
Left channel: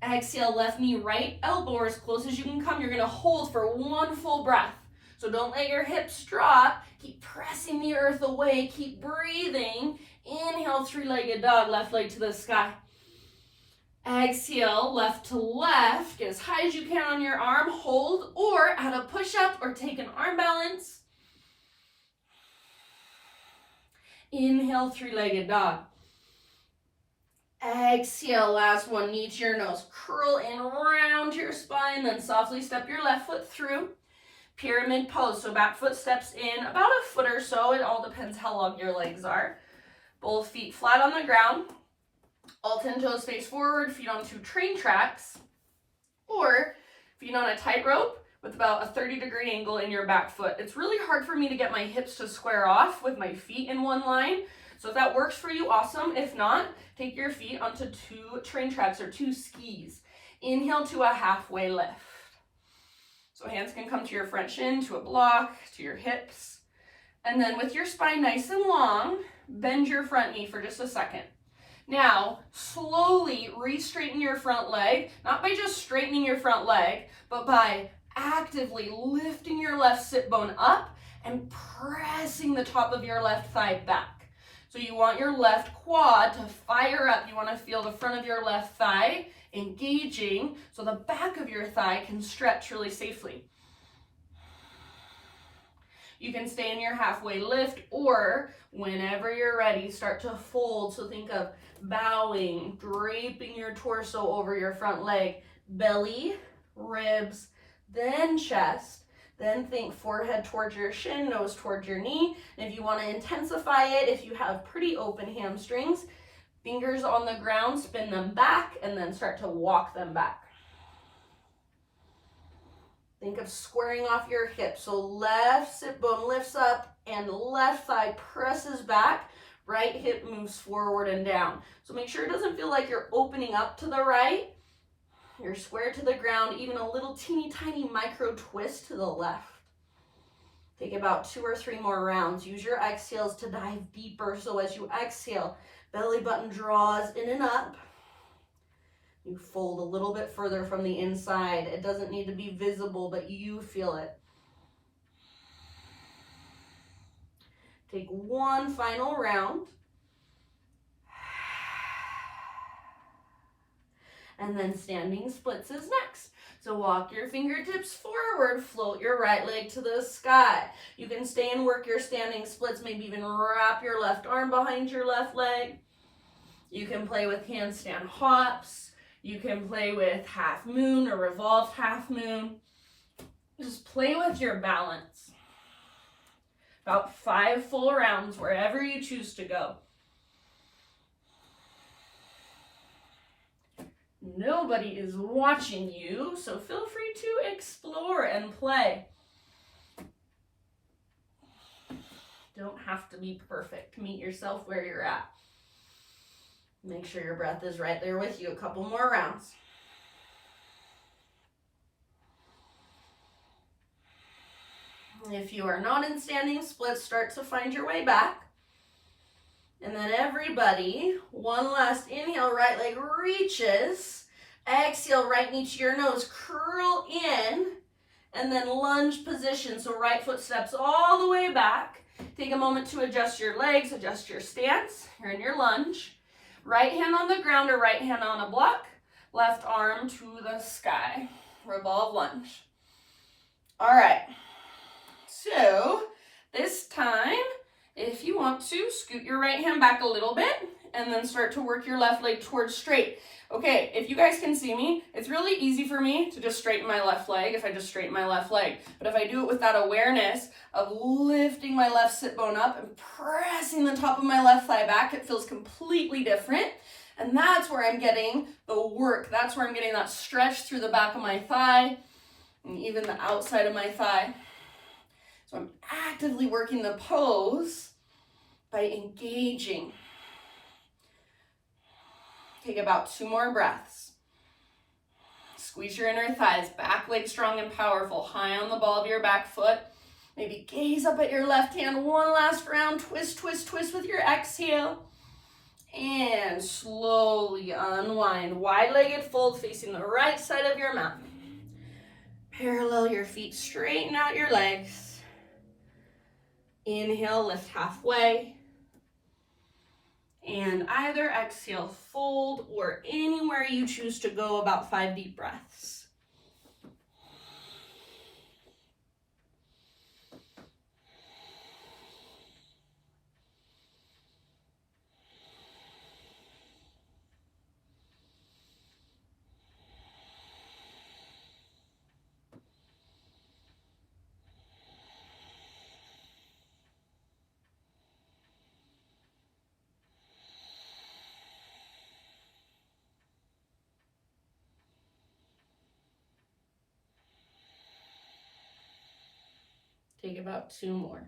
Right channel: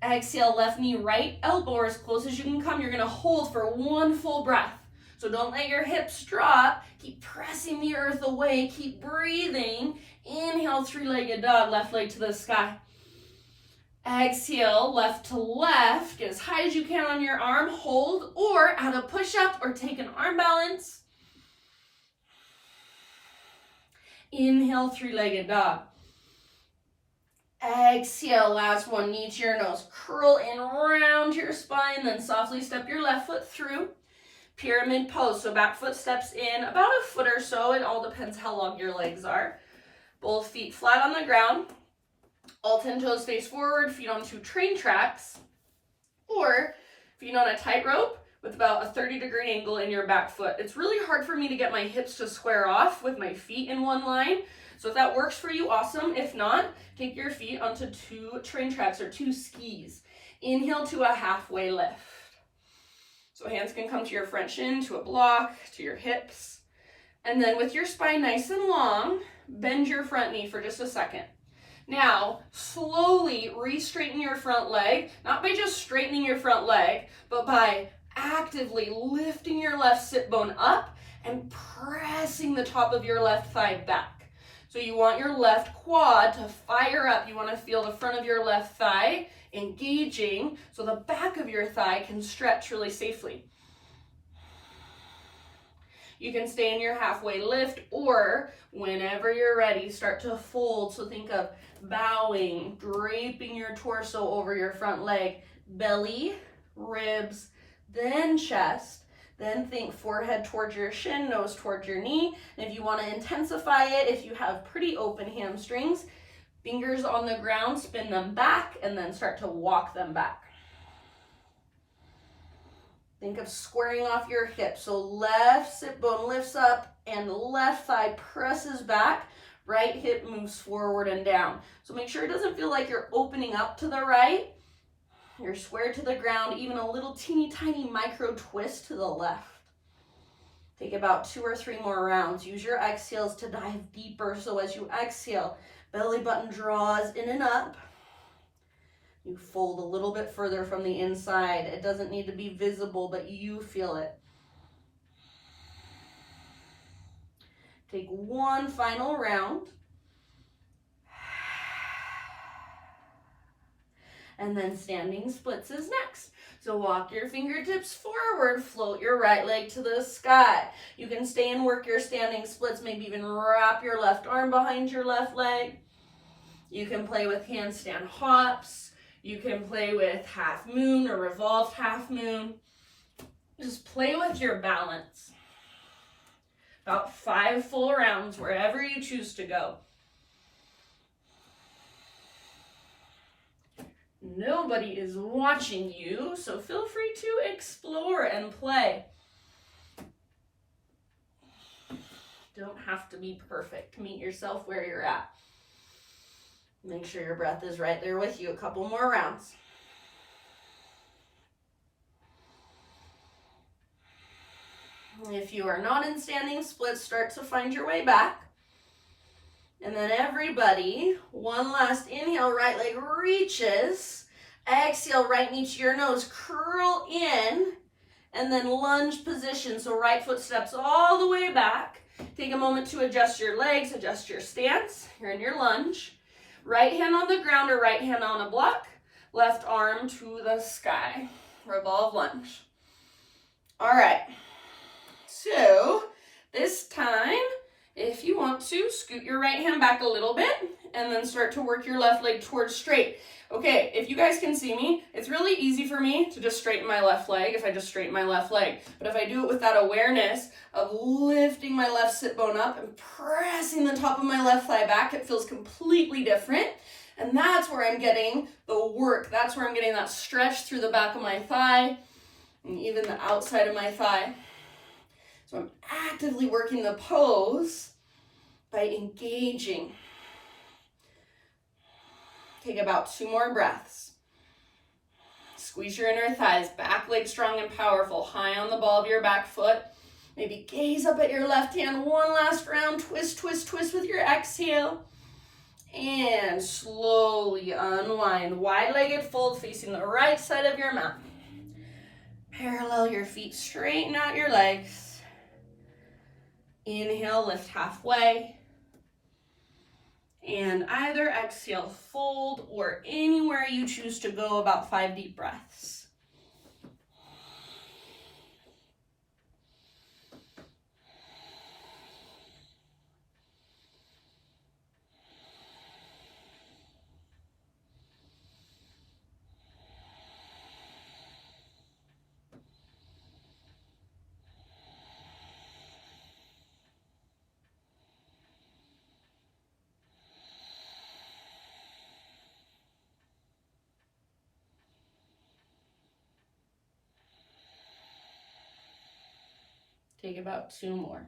Exhale, left knee, right elbow, or as close as you can come. You're gonna hold for one full breath. So don't let your hips drop. Keep pressing the earth away. Keep breathing. Inhale, three-legged dog, left leg to the sky. Exhale, left to left. Get as high as you can on your arm. Hold or add a push-up or take an arm balance. Inhale, three-legged dog. Exhale, last one, knee to your nose. Curl in round your spine, then softly step your left foot through. Pyramid pose, so back foot steps in about a foot or so. It all depends how long your legs are. Both feet flat on the ground. All 10 toes face forward, feet on 2 train tracks. Or feet on a tightrope with about a 30-degree angle in your back foot. It's really hard for me to get my hips to square off with my feet in one line. So if that works for you, awesome. If not, take your feet onto 2 train tracks or 2 skis. Inhale to a halfway lift. So hands can come to your front shin, to a block, to your hips. And then with your spine nice and long, bend your front knee for just a second. Now, slowly re-straighten your front leg, not by just straightening your front leg, but by actively lifting your left sit bone up and pressing the top of your left thigh back. So you want your left quad to fire up. You want to feel the front of your left thigh engaging so the back of your thigh can stretch really safely. You can stay in your halfway lift, or whenever you're ready, start to fold. So think of bowing, draping your torso over your front leg, belly, ribs, then chest. Then think forehead towards your shin, nose towards your knee. And if you want to intensify it, if you have pretty open hamstrings, fingers on the ground, spin them back, and then start to walk them back. Think of squaring off your hips. So left sit bone lifts up and left thigh presses back. Right hip moves forward and down. So make sure it doesn't feel like you're opening up to the right. You're square to the ground, even a little teeny tiny micro twist to the left. Take about 2 or 3 more rounds. Use your exhales to dive deeper. So as you exhale, belly button draws in and up. You fold a little bit further from the inside. It doesn't need to be visible, but you feel it. Take one final round. And then standing splits is next. So walk your fingertips forward, float your right leg to the sky. You can stay and work your standing splits, maybe even wrap your left arm behind your left leg. You can play with handstand hops. You can play with half moon or revolved half moon. Just play with your balance. About 5 full rounds, wherever you choose to go. Nobody is watching you, so feel free to explore and play. Don't have to be perfect. Meet yourself where you're at. Make sure your breath is right there with you. A couple more rounds. If you are not in standing splits, start to find your way back. And then everybody, one last inhale, right leg reaches. Exhale, right knee to your nose, curl in, and then lunge position. So right foot steps all the way back. Take a moment to adjust your legs, adjust your stance. You're in your lunge. Right hand on the ground or right hand on a block. Left arm to the sky. Revolve lunge. All right. So this time, if you want to, scoot your right hand back a little bit and then start to work your left leg towards straight. Okay, if you guys can see me, it's really easy for me to just straighten my left leg if I just straighten my left leg. But if I do it with that awareness of lifting my left sit bone up and pressing the top of my left thigh back, it feels completely different. And that's where I'm getting the work. That's where I'm getting that stretch through the back of my thigh and even the outside of my thigh. So I'm actively working the pose by engaging. Take about 2 more breaths. Squeeze your inner thighs, back leg strong and powerful, high on the ball of your back foot. Maybe gaze up at your left hand, one last round, twist, twist, twist with your exhale. And slowly unwind, wide-legged fold facing the right side of your mat. Parallel your feet, straighten out your legs. Inhale, lift halfway. And either exhale, fold, or anywhere you choose to go, about 5 deep breaths. Take about 2 more.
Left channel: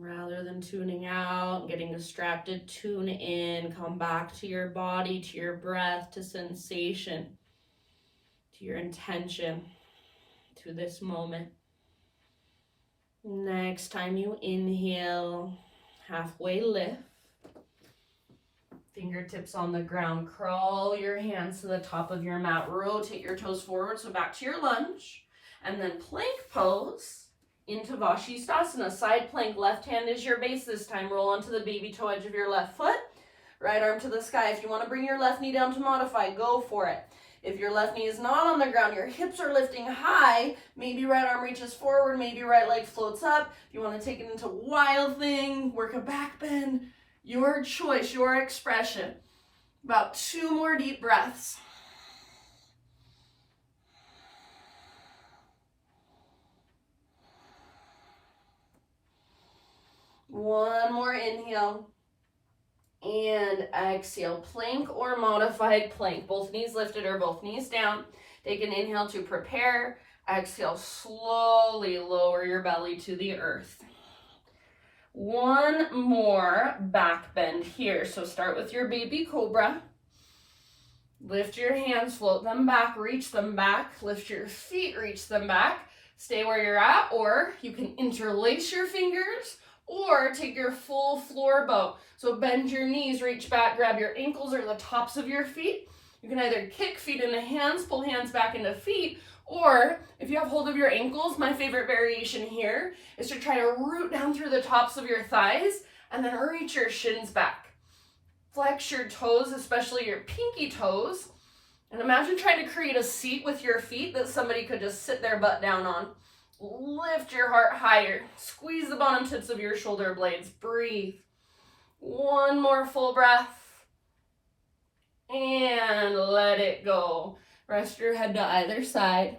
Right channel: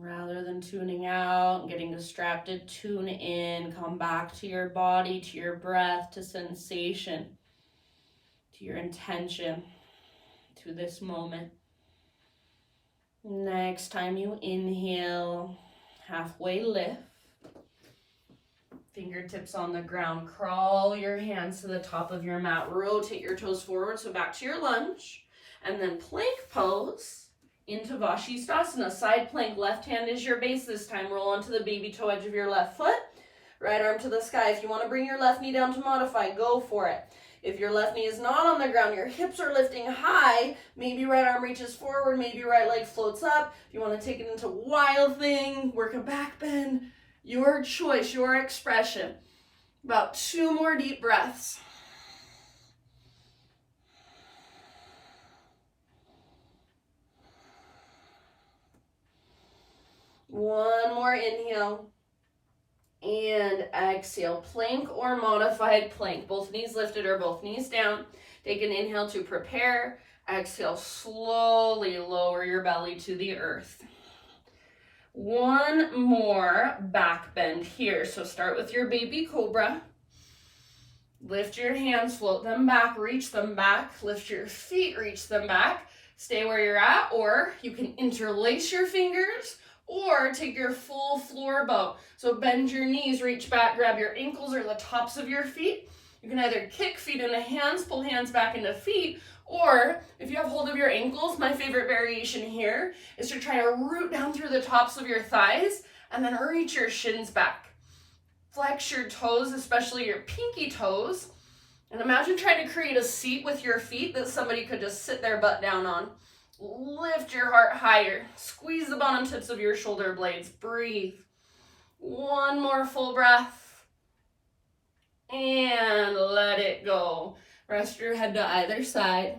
Rather than tuning out and getting distracted, tune in, come back to your body, to your breath, to sensation, to your intention, to this moment. Next time you inhale, halfway lift. Fingertips on the ground, crawl your hands to the top of your mat, rotate your toes forward, so back to your lunge, and then plank pose into Vashisthasana. Side plank, left hand is your base this time. Roll onto the baby toe edge of your left foot, right arm to the sky. If you want to bring your left knee down to modify, go for it. If your left knee is not on the ground, your hips are lifting high, maybe right arm reaches forward, maybe right leg floats up. If you want to take it into wild thing, work a back bend, your choice, your expression. About 2 more deep breaths. One more inhale and exhale. Plank or modified plank. Both knees lifted or both knees down. Take an inhale to prepare. Exhale, slowly lower your belly to the earth. One more back bend here. So start with your baby cobra. Lift your hands, float them back, reach them back. Lift your feet, reach them back. Stay where you're at, or you can interlace your fingers or take your full floor bow. So bend your knees, reach back, grab your ankles or the tops of your feet. You can either kick feet into hands, pull hands back into feet, or if you have hold of your ankles, my favorite variation here is to try to root down through the tops of your thighs and then reach your shins back. Flex your toes, especially your pinky toes, and imagine trying to create a seat with your feet that somebody could just sit their butt down on. Lift your heart higher. Squeeze the bottom tips of your shoulder blades. Breathe. One more full breath. And let it go. Rest your head to either side.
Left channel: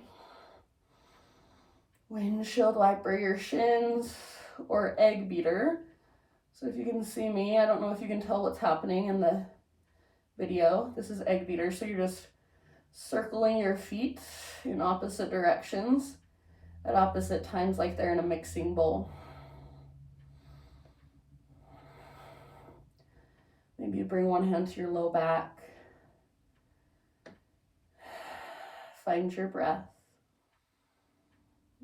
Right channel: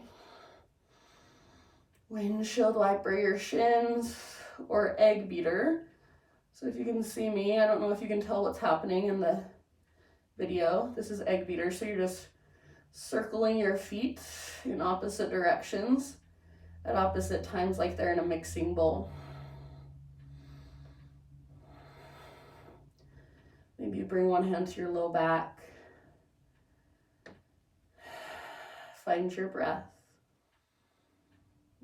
Windshield wiper your shins or egg beater. So if you can see me, I don't know if you can tell what's happening in the video. This is egg beater. So you're just circling your feet in opposite directions at opposite times, like they're in a mixing bowl. Maybe you bring one hand to your low back. Find your breath.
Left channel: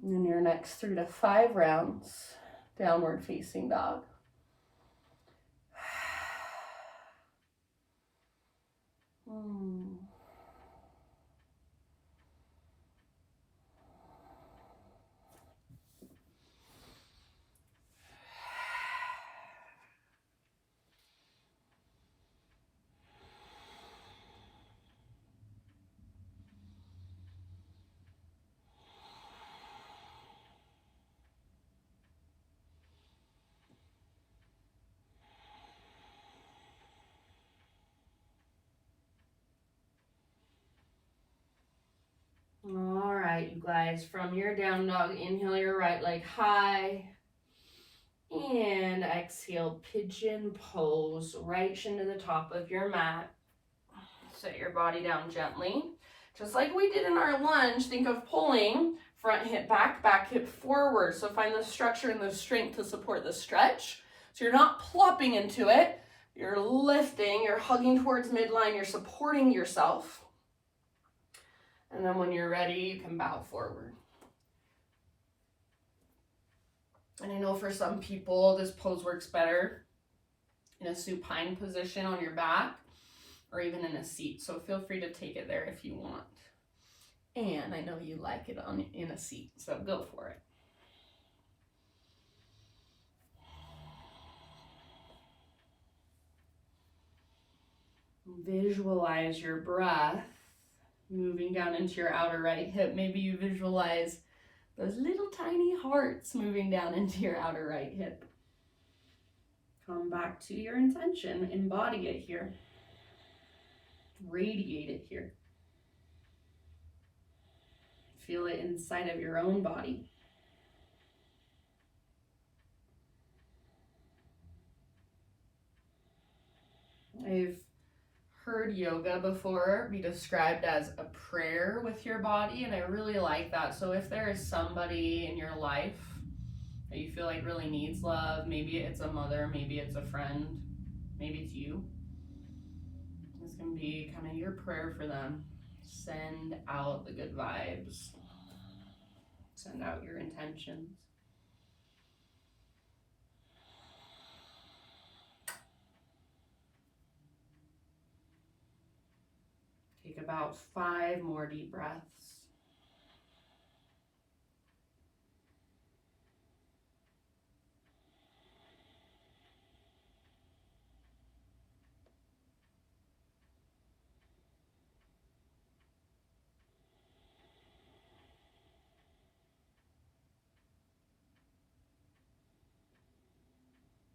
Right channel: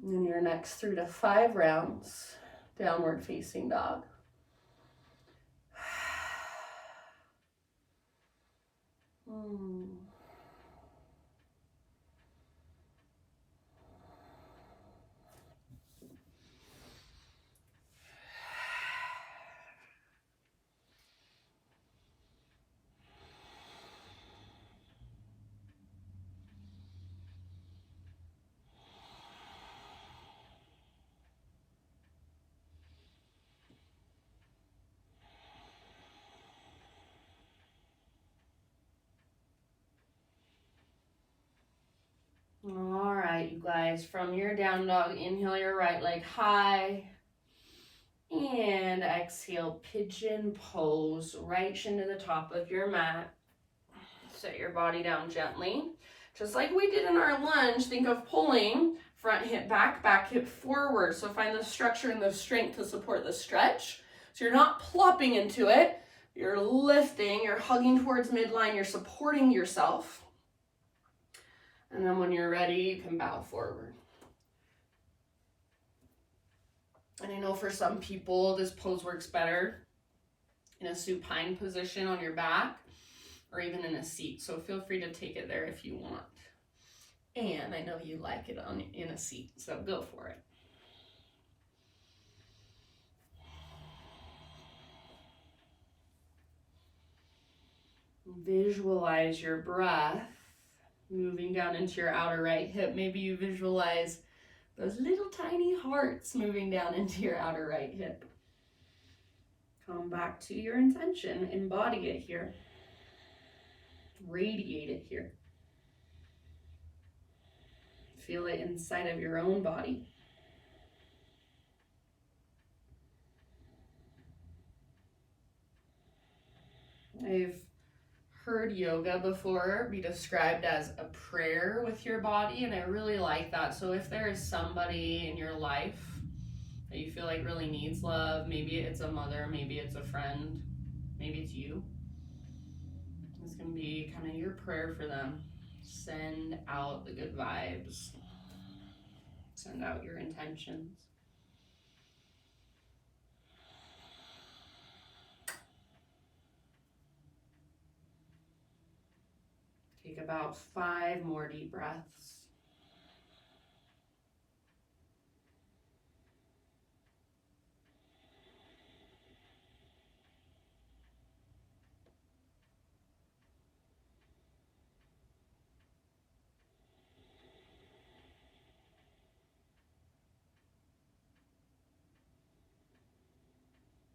And in your next 3 to 5 rounds, downward facing dog. All right, you guys, from your down dog, inhale your right leg high and exhale, pigeon pose, right shin to the top of your mat. Set your body down gently. Just like we did in our lunge, think of pulling front hip back, back hip forward. So find the structure and the strength to support the stretch. So you're not plopping into it, you're lifting, you're hugging towards midline, you're supporting yourself. And then when you're ready, you can bow forward. And I know for some people, this pose works better in a supine position on your back or even in a seat. So feel free to take it there if you want. And I know you like it in a seat, so go for it. Visualize your breath moving down into your outer right hip. Maybe you visualize those little tiny hearts moving down into your outer right hip. Come back to your intention. Embody it here. Radiate it here. Feel it inside of your own body. I've heard yoga before be described as a prayer with your body, and I really like that. So if there is somebody in your life that you feel like really needs love, maybe it's a mother, maybe it's a friend, maybe it's you, this can be kind of your prayer for them. Send out the good vibes. Send out your intentions. Take about 5 more deep breaths.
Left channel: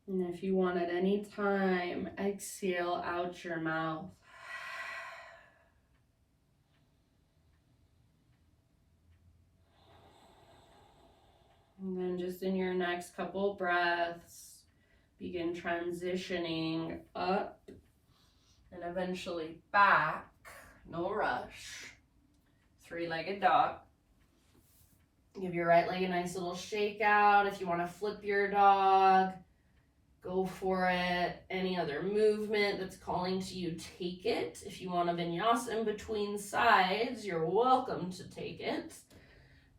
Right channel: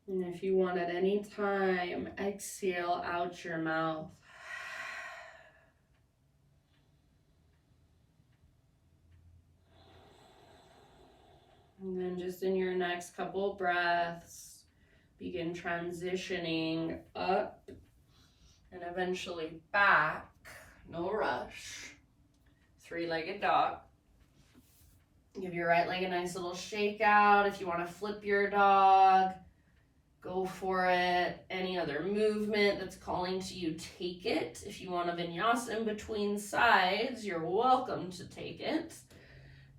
And if you want at any time, exhale out your mouth. And then just in your next couple breaths, begin transitioning up and eventually back. No rush. 3-legged dog. Give your right leg a nice little shake out. If you want to flip your dog, go for it. Any other movement that's calling to you, take it. If you want a vinyasa in between sides, you're welcome to take it.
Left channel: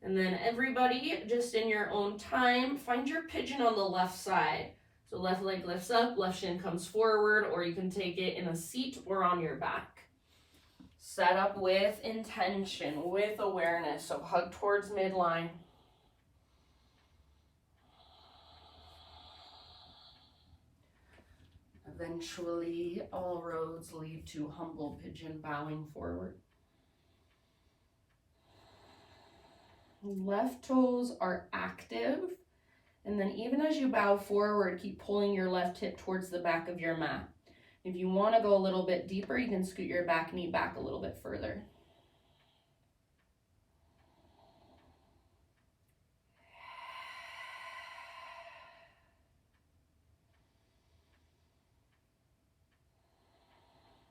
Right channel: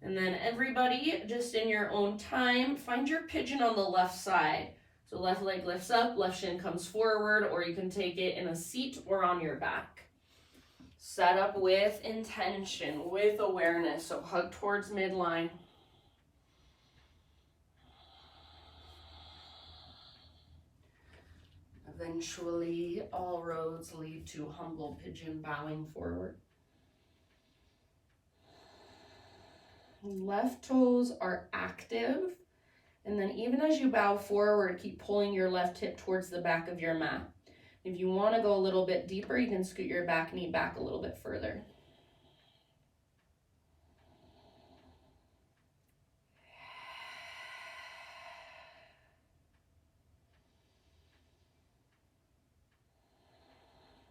And then everybody, just in your own time, find your pigeon on the left side. So left leg lifts up, left shin comes forward, or you can take it in a seat or on your back. Set up with intention, with awareness. So hug towards midline. Eventually, all roads lead to humble pigeon bowing forward. Left toes are active. And then even as you bow forward, keep pulling your left hip towards the back of your mat. If you want to go a little bit deeper, you can scoot your back knee back a little bit further.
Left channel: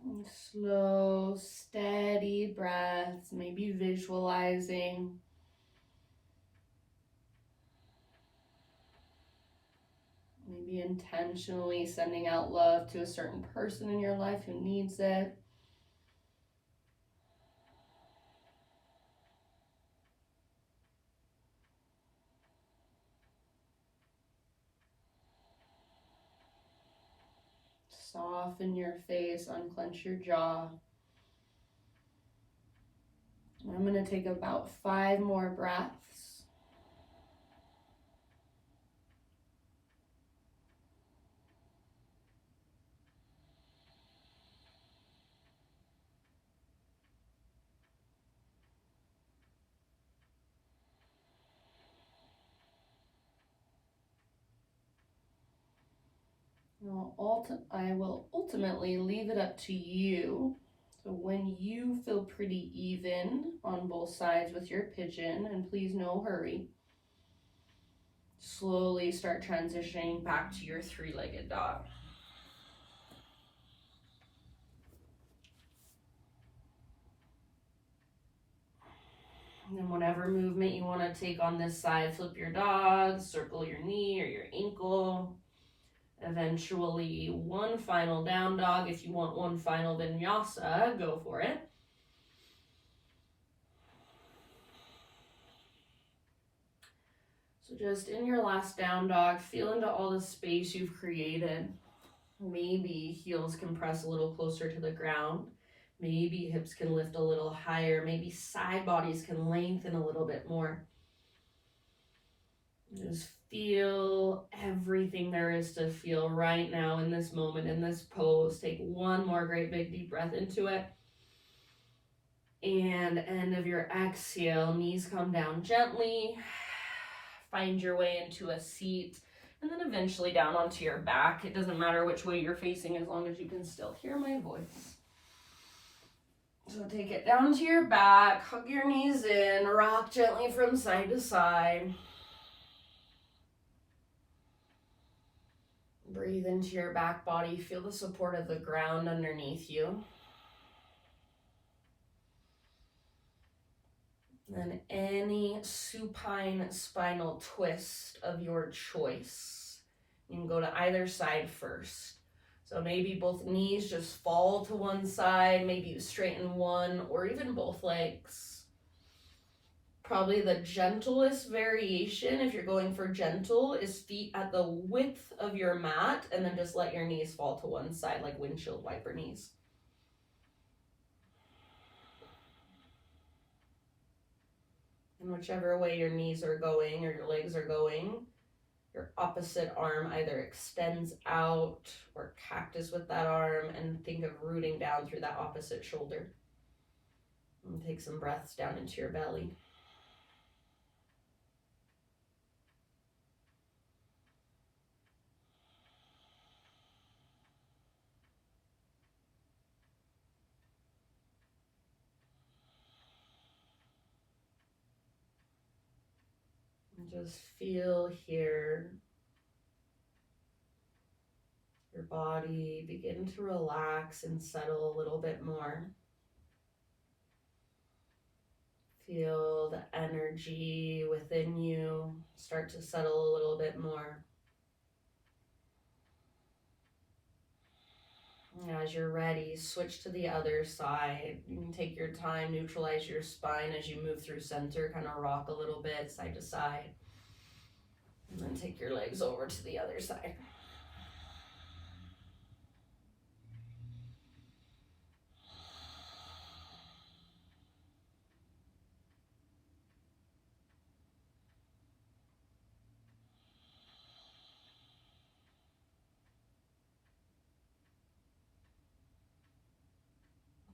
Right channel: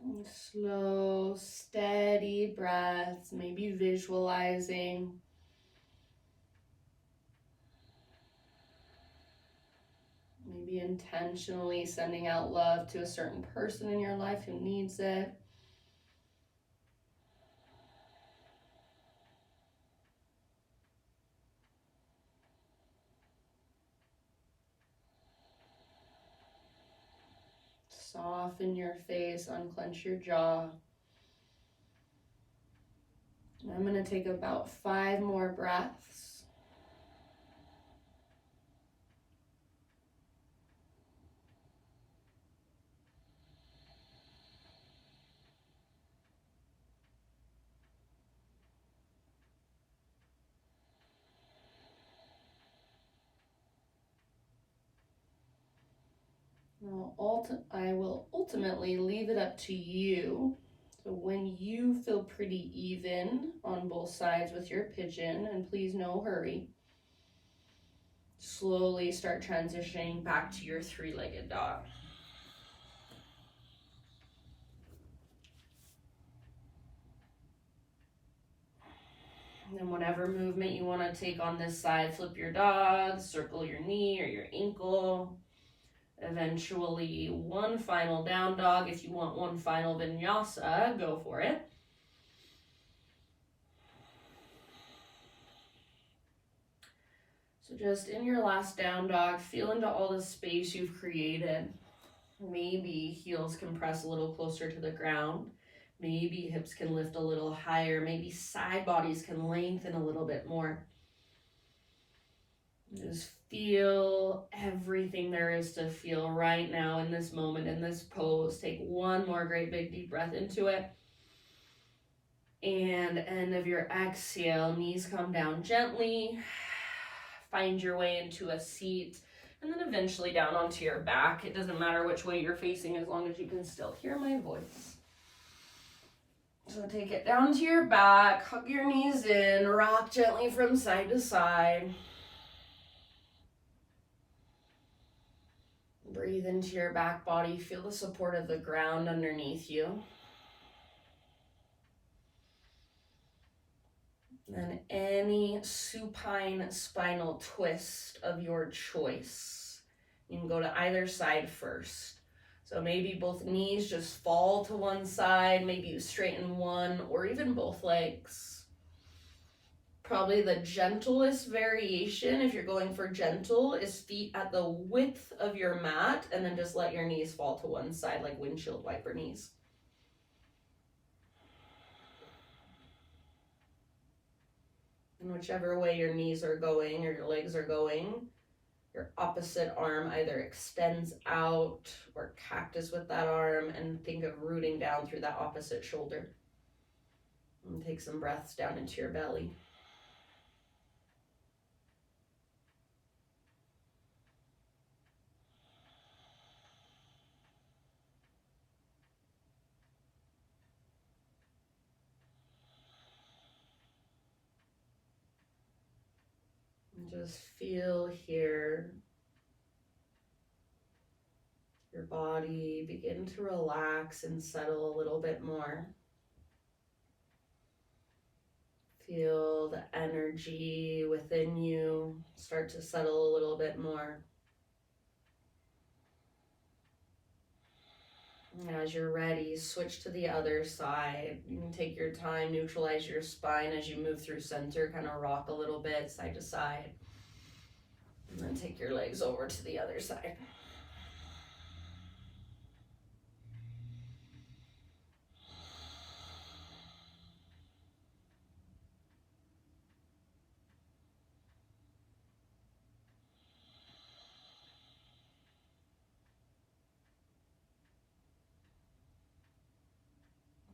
And slow, steady breaths, maybe visualizing. Maybe intentionally sending out love to a certain person in your life who needs it. Soften your face, unclench your jaw. And I'm going to take about 5 more breaths. I will ultimately leave it up to you. So when you feel pretty even on both sides with your pigeon, and please no hurry, slowly start transitioning back to your 3-legged dog. And then whatever movement you want to take on this side, flip your dog, circle your knee or your ankle. Eventually, one final down dog. If you want one final vinyasa, go for it. So just in your last down dog, feel into all the space you've created. Maybe heels can press a little closer to the ground. Maybe hips can lift a little higher. Maybe side bodies can lengthen a little bit more. Just feel everything there is to feel right now in this moment, in this pose. Take one more great big deep breath into it. And end of your exhale, knees come down gently. Find your way into a seat, and then eventually down onto your back. It doesn't matter which way you're facing as long as you can still hear my voice. So take it down to your back, hug your knees in, rock gently from side to side. Breathe into your back body, feel the support of the ground underneath you. Then any supine spinal twist of your choice. You can go to either side first. So maybe both knees just fall to one side, maybe you straighten one or even both legs. Probably the gentlest variation, if you're going for gentle, is feet at the width of your mat and then just let your knees fall to one side like windshield wiper knees. And whichever way your knees are going or your legs are going, your opposite arm either extends out or cactus with that arm, and think of rooting down through that opposite shoulder. And take some breaths down into your belly. And just feel here your body begin to relax and settle a little bit more. Feel the energy within you start to settle a little bit more. As you're ready, switch to the other side. You can take your time, neutralize your spine as you move through center, kind of rock a little bit side to side. And then take your legs over to the other side.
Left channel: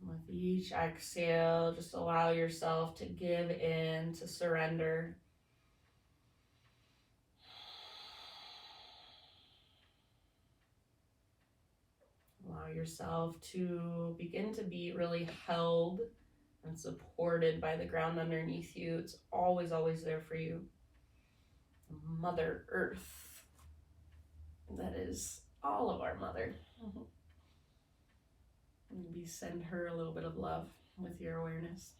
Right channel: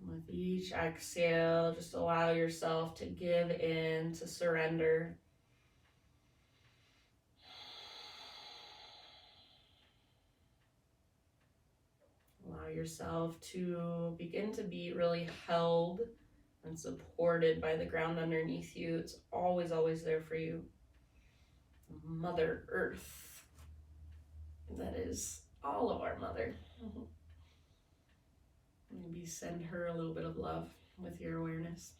With each exhale, just allow yourself to give in, to surrender. Allow yourself to begin to be really held and supported by the ground underneath you. It's always, always there for you. Mother Earth. That is all of our mother. Maybe send her a little bit of love with your awareness.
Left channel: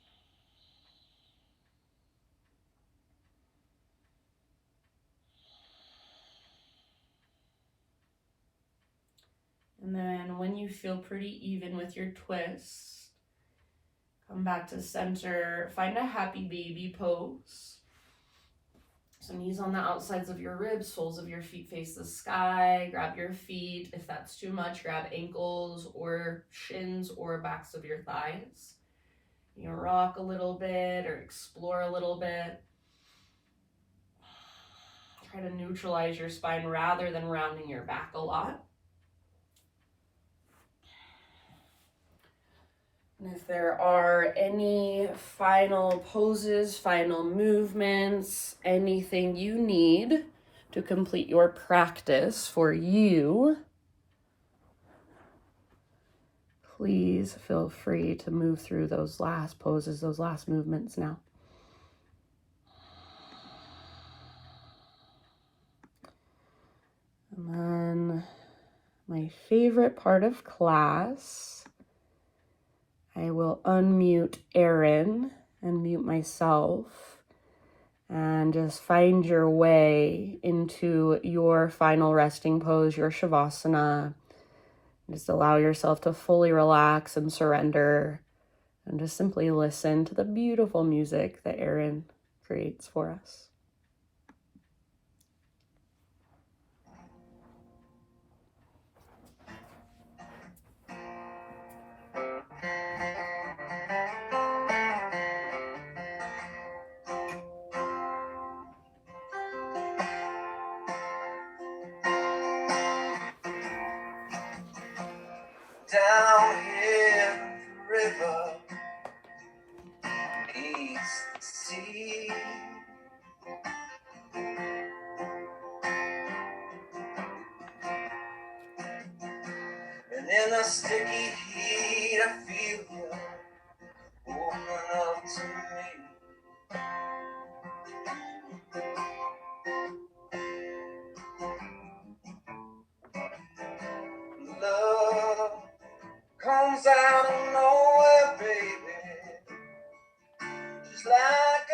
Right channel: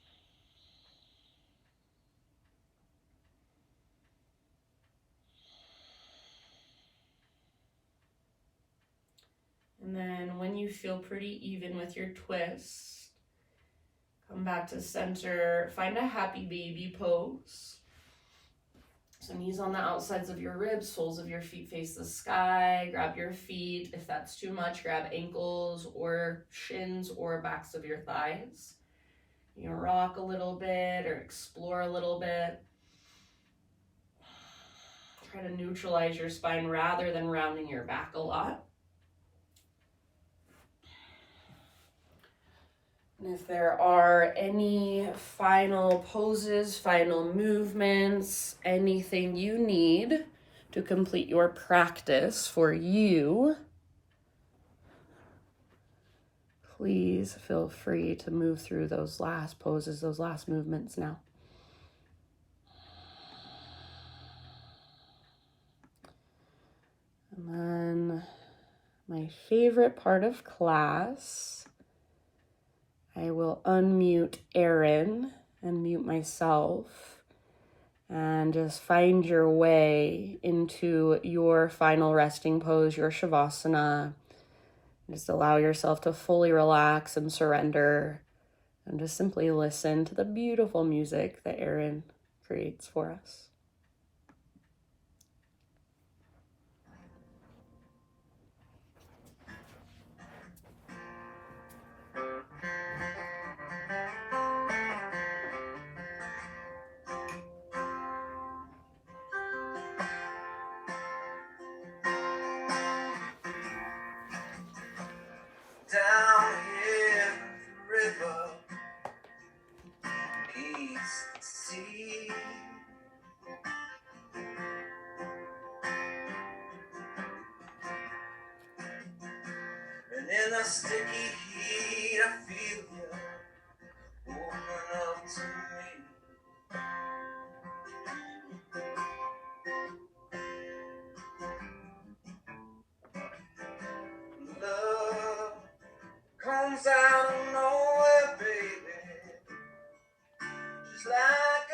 And then when you feel pretty even with your twist, come back to center, find a happy baby pose. So knees on the outsides of your ribs, soles of your feet face the sky. Grab your feet. If that's too much, grab ankles or shins or backs of your thighs. You can rock a little bit or explore a little bit. Try to neutralize your spine rather than rounding your back a lot. And if there are any final poses, final movements, anything you need to complete your practice for you, please feel free to move through those last poses, those last movements now. And then my favorite part of class, I will unmute Erin and mute myself and just find your way into your final resting pose, your shavasana. Just allow yourself to fully relax and surrender and just simply listen to the beautiful music that Erin creates for us. Down here, the river meets the sea. And in the sticky heat, I feel you open up to me. Love comes out of nowhere, baby, just like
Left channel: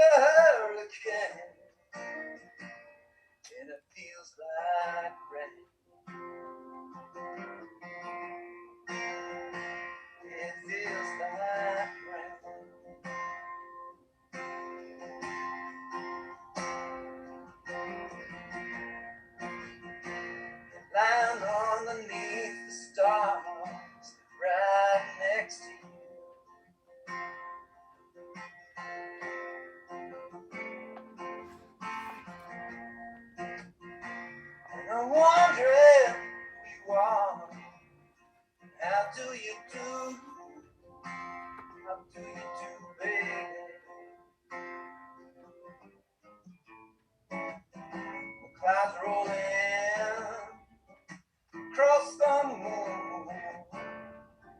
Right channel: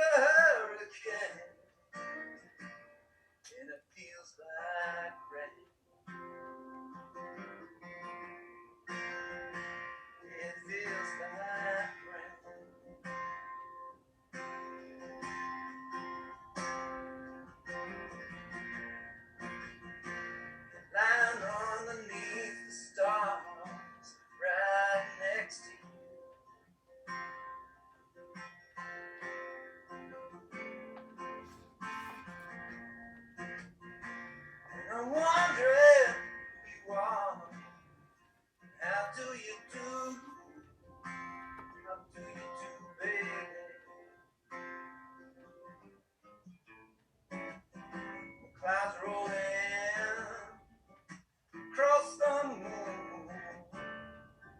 do you do? How do you do, baby? Clouds roll in across the moon,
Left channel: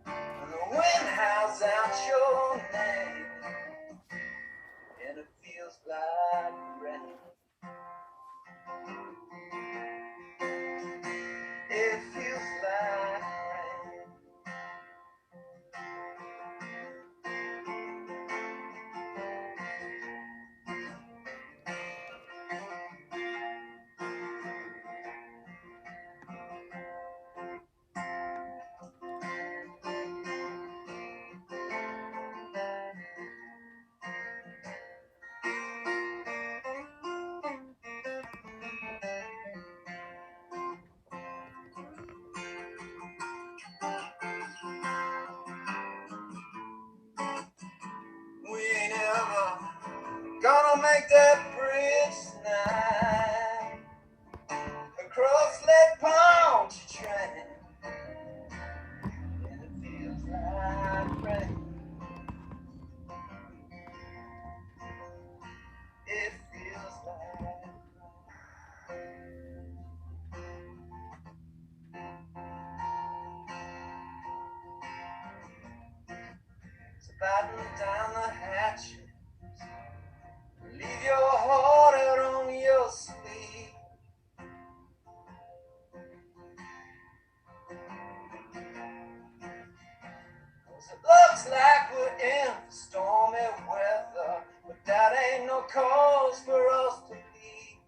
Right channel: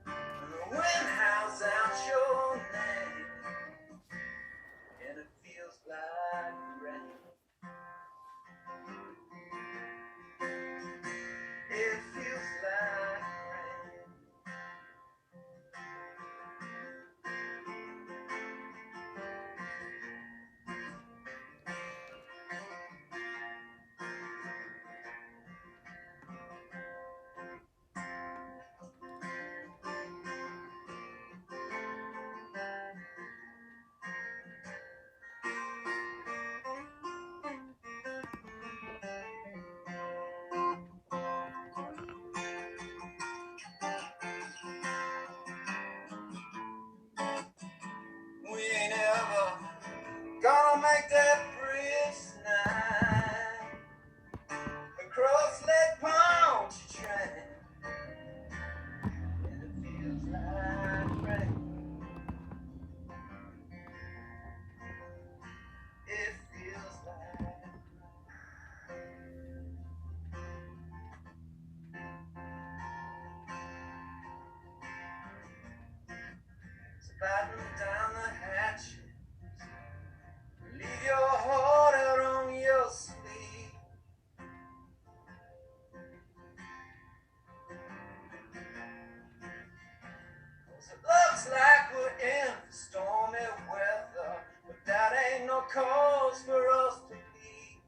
and the wind howls out your name, and it feels like rain. It feels like rain. We ain't ever gonna make that bridge tonight. Across Lake Pontchartrain, and it feels like rain. It feels like rain. So batten down the hatches, leave your heart out on your sleeve. 'Cause it looks like we're in stormy weather, but that ain't no cause for us to leave.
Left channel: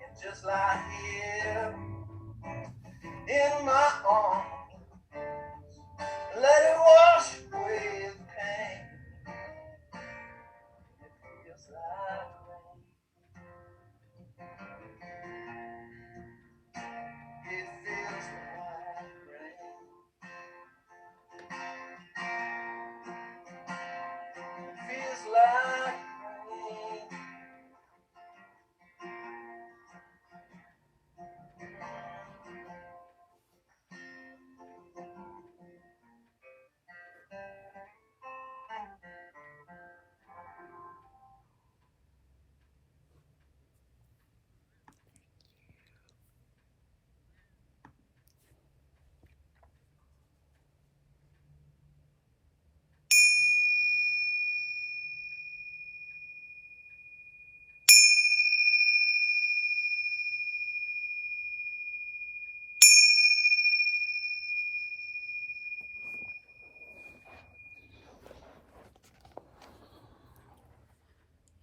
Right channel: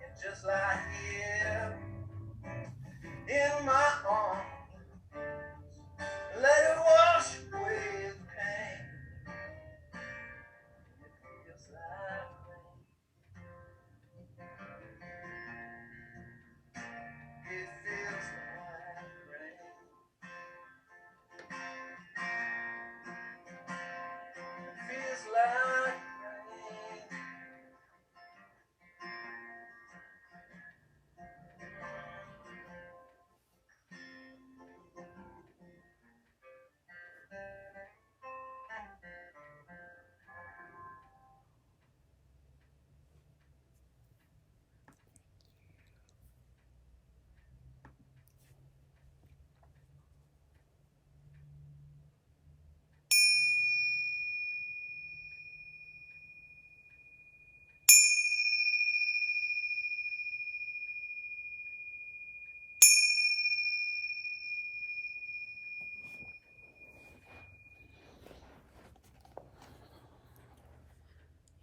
And just lie here in my arms, let it wash away the pain. It feels like rain. It feels like rain. It feels like rain.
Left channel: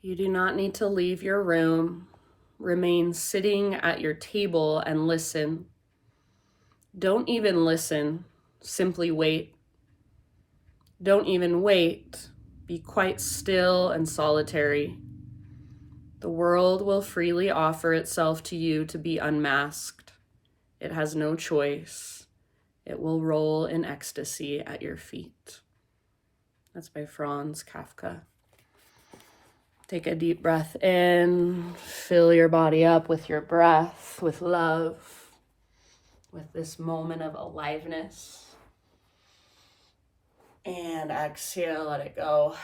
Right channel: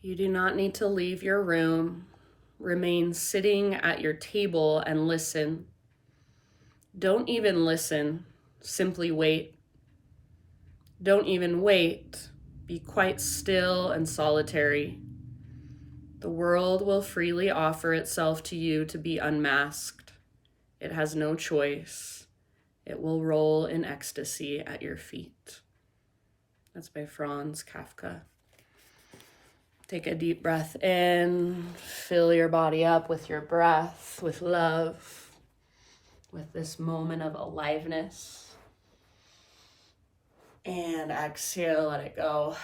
You do not need to leave your room. Remain sitting at your table and listen. Don't even listen, simply wait. Don't even wait. Be quite still and solitary. The world will freely offer itself to you to be unmasked. It has no choice. It will roll in ecstasy at your feet. That's by Franz Kafka. Take a deep breath in. Fill your body up with your breath, with love, with this moment of aliveness. And exhale, let it go.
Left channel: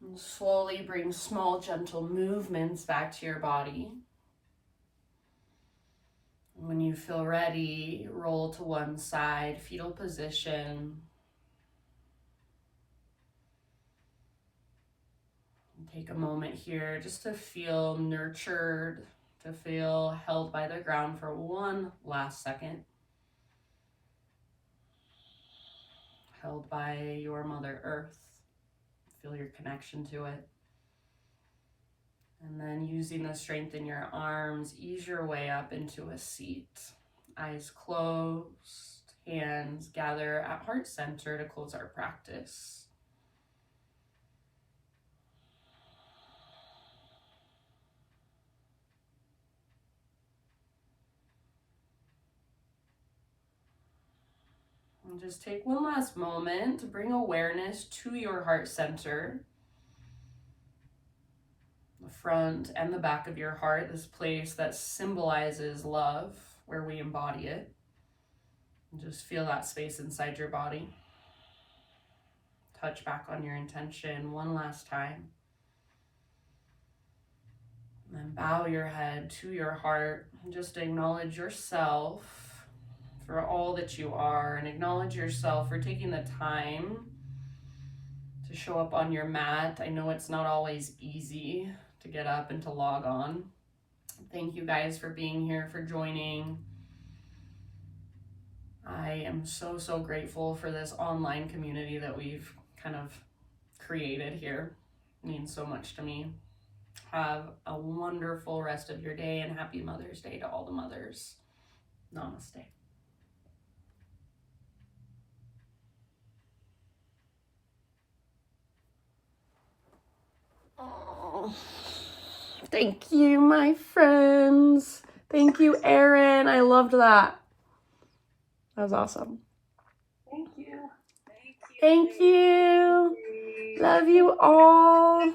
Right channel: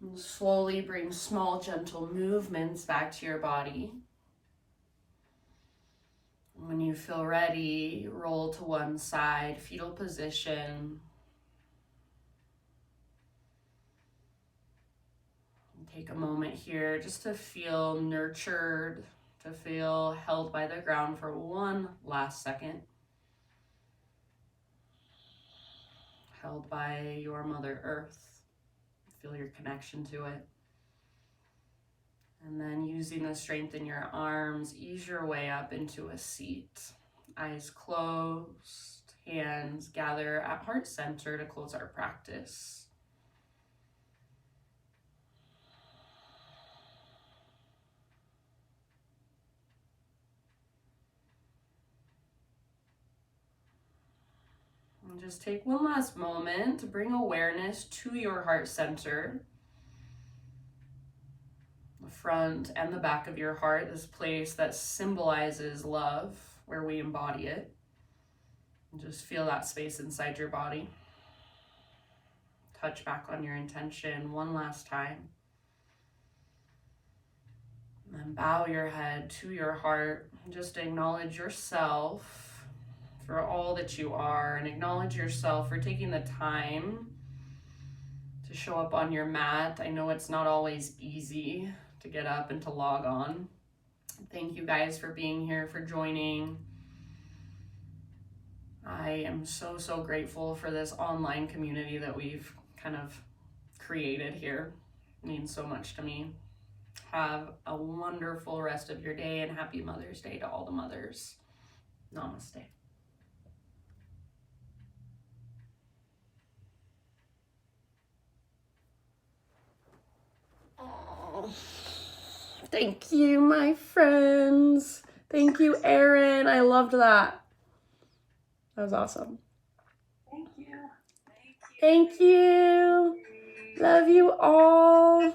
And slowly bring small, gentle movements back to your body. When you feel ready, roll to one side, fetal position. Take a moment here just to feel nurtured, to feel held by the ground for one last second. Held by your Mother Earth. Feel your connection to it. And then using the strength in your arms, ease your way up into a seat. Eyes closed, hands gather at heart center to close our practice. And just take one last moment to bring awareness to your heart center. the front and the back of your heart, this place that symbolizes love, where we embody it. And just feel that space inside your body. Touch back on your intention one last time. And then bow your head to your heart. Just acknowledge yourself for all that you are, and acknowledge yourself for taking the time to show up on your mat. I know it's not always easy to get up and to log on. Thank you guys for being here, for joining. I am so grateful for this online community that we've kind of created here. It means so much to me. Have a wonderful rest of your day, and happy Mother's Day to all the mothers. Namaste. Oh, thank you, my friends. Thank you, Erin. I loved that. That was awesome. Thank you. Thank you. Love you all.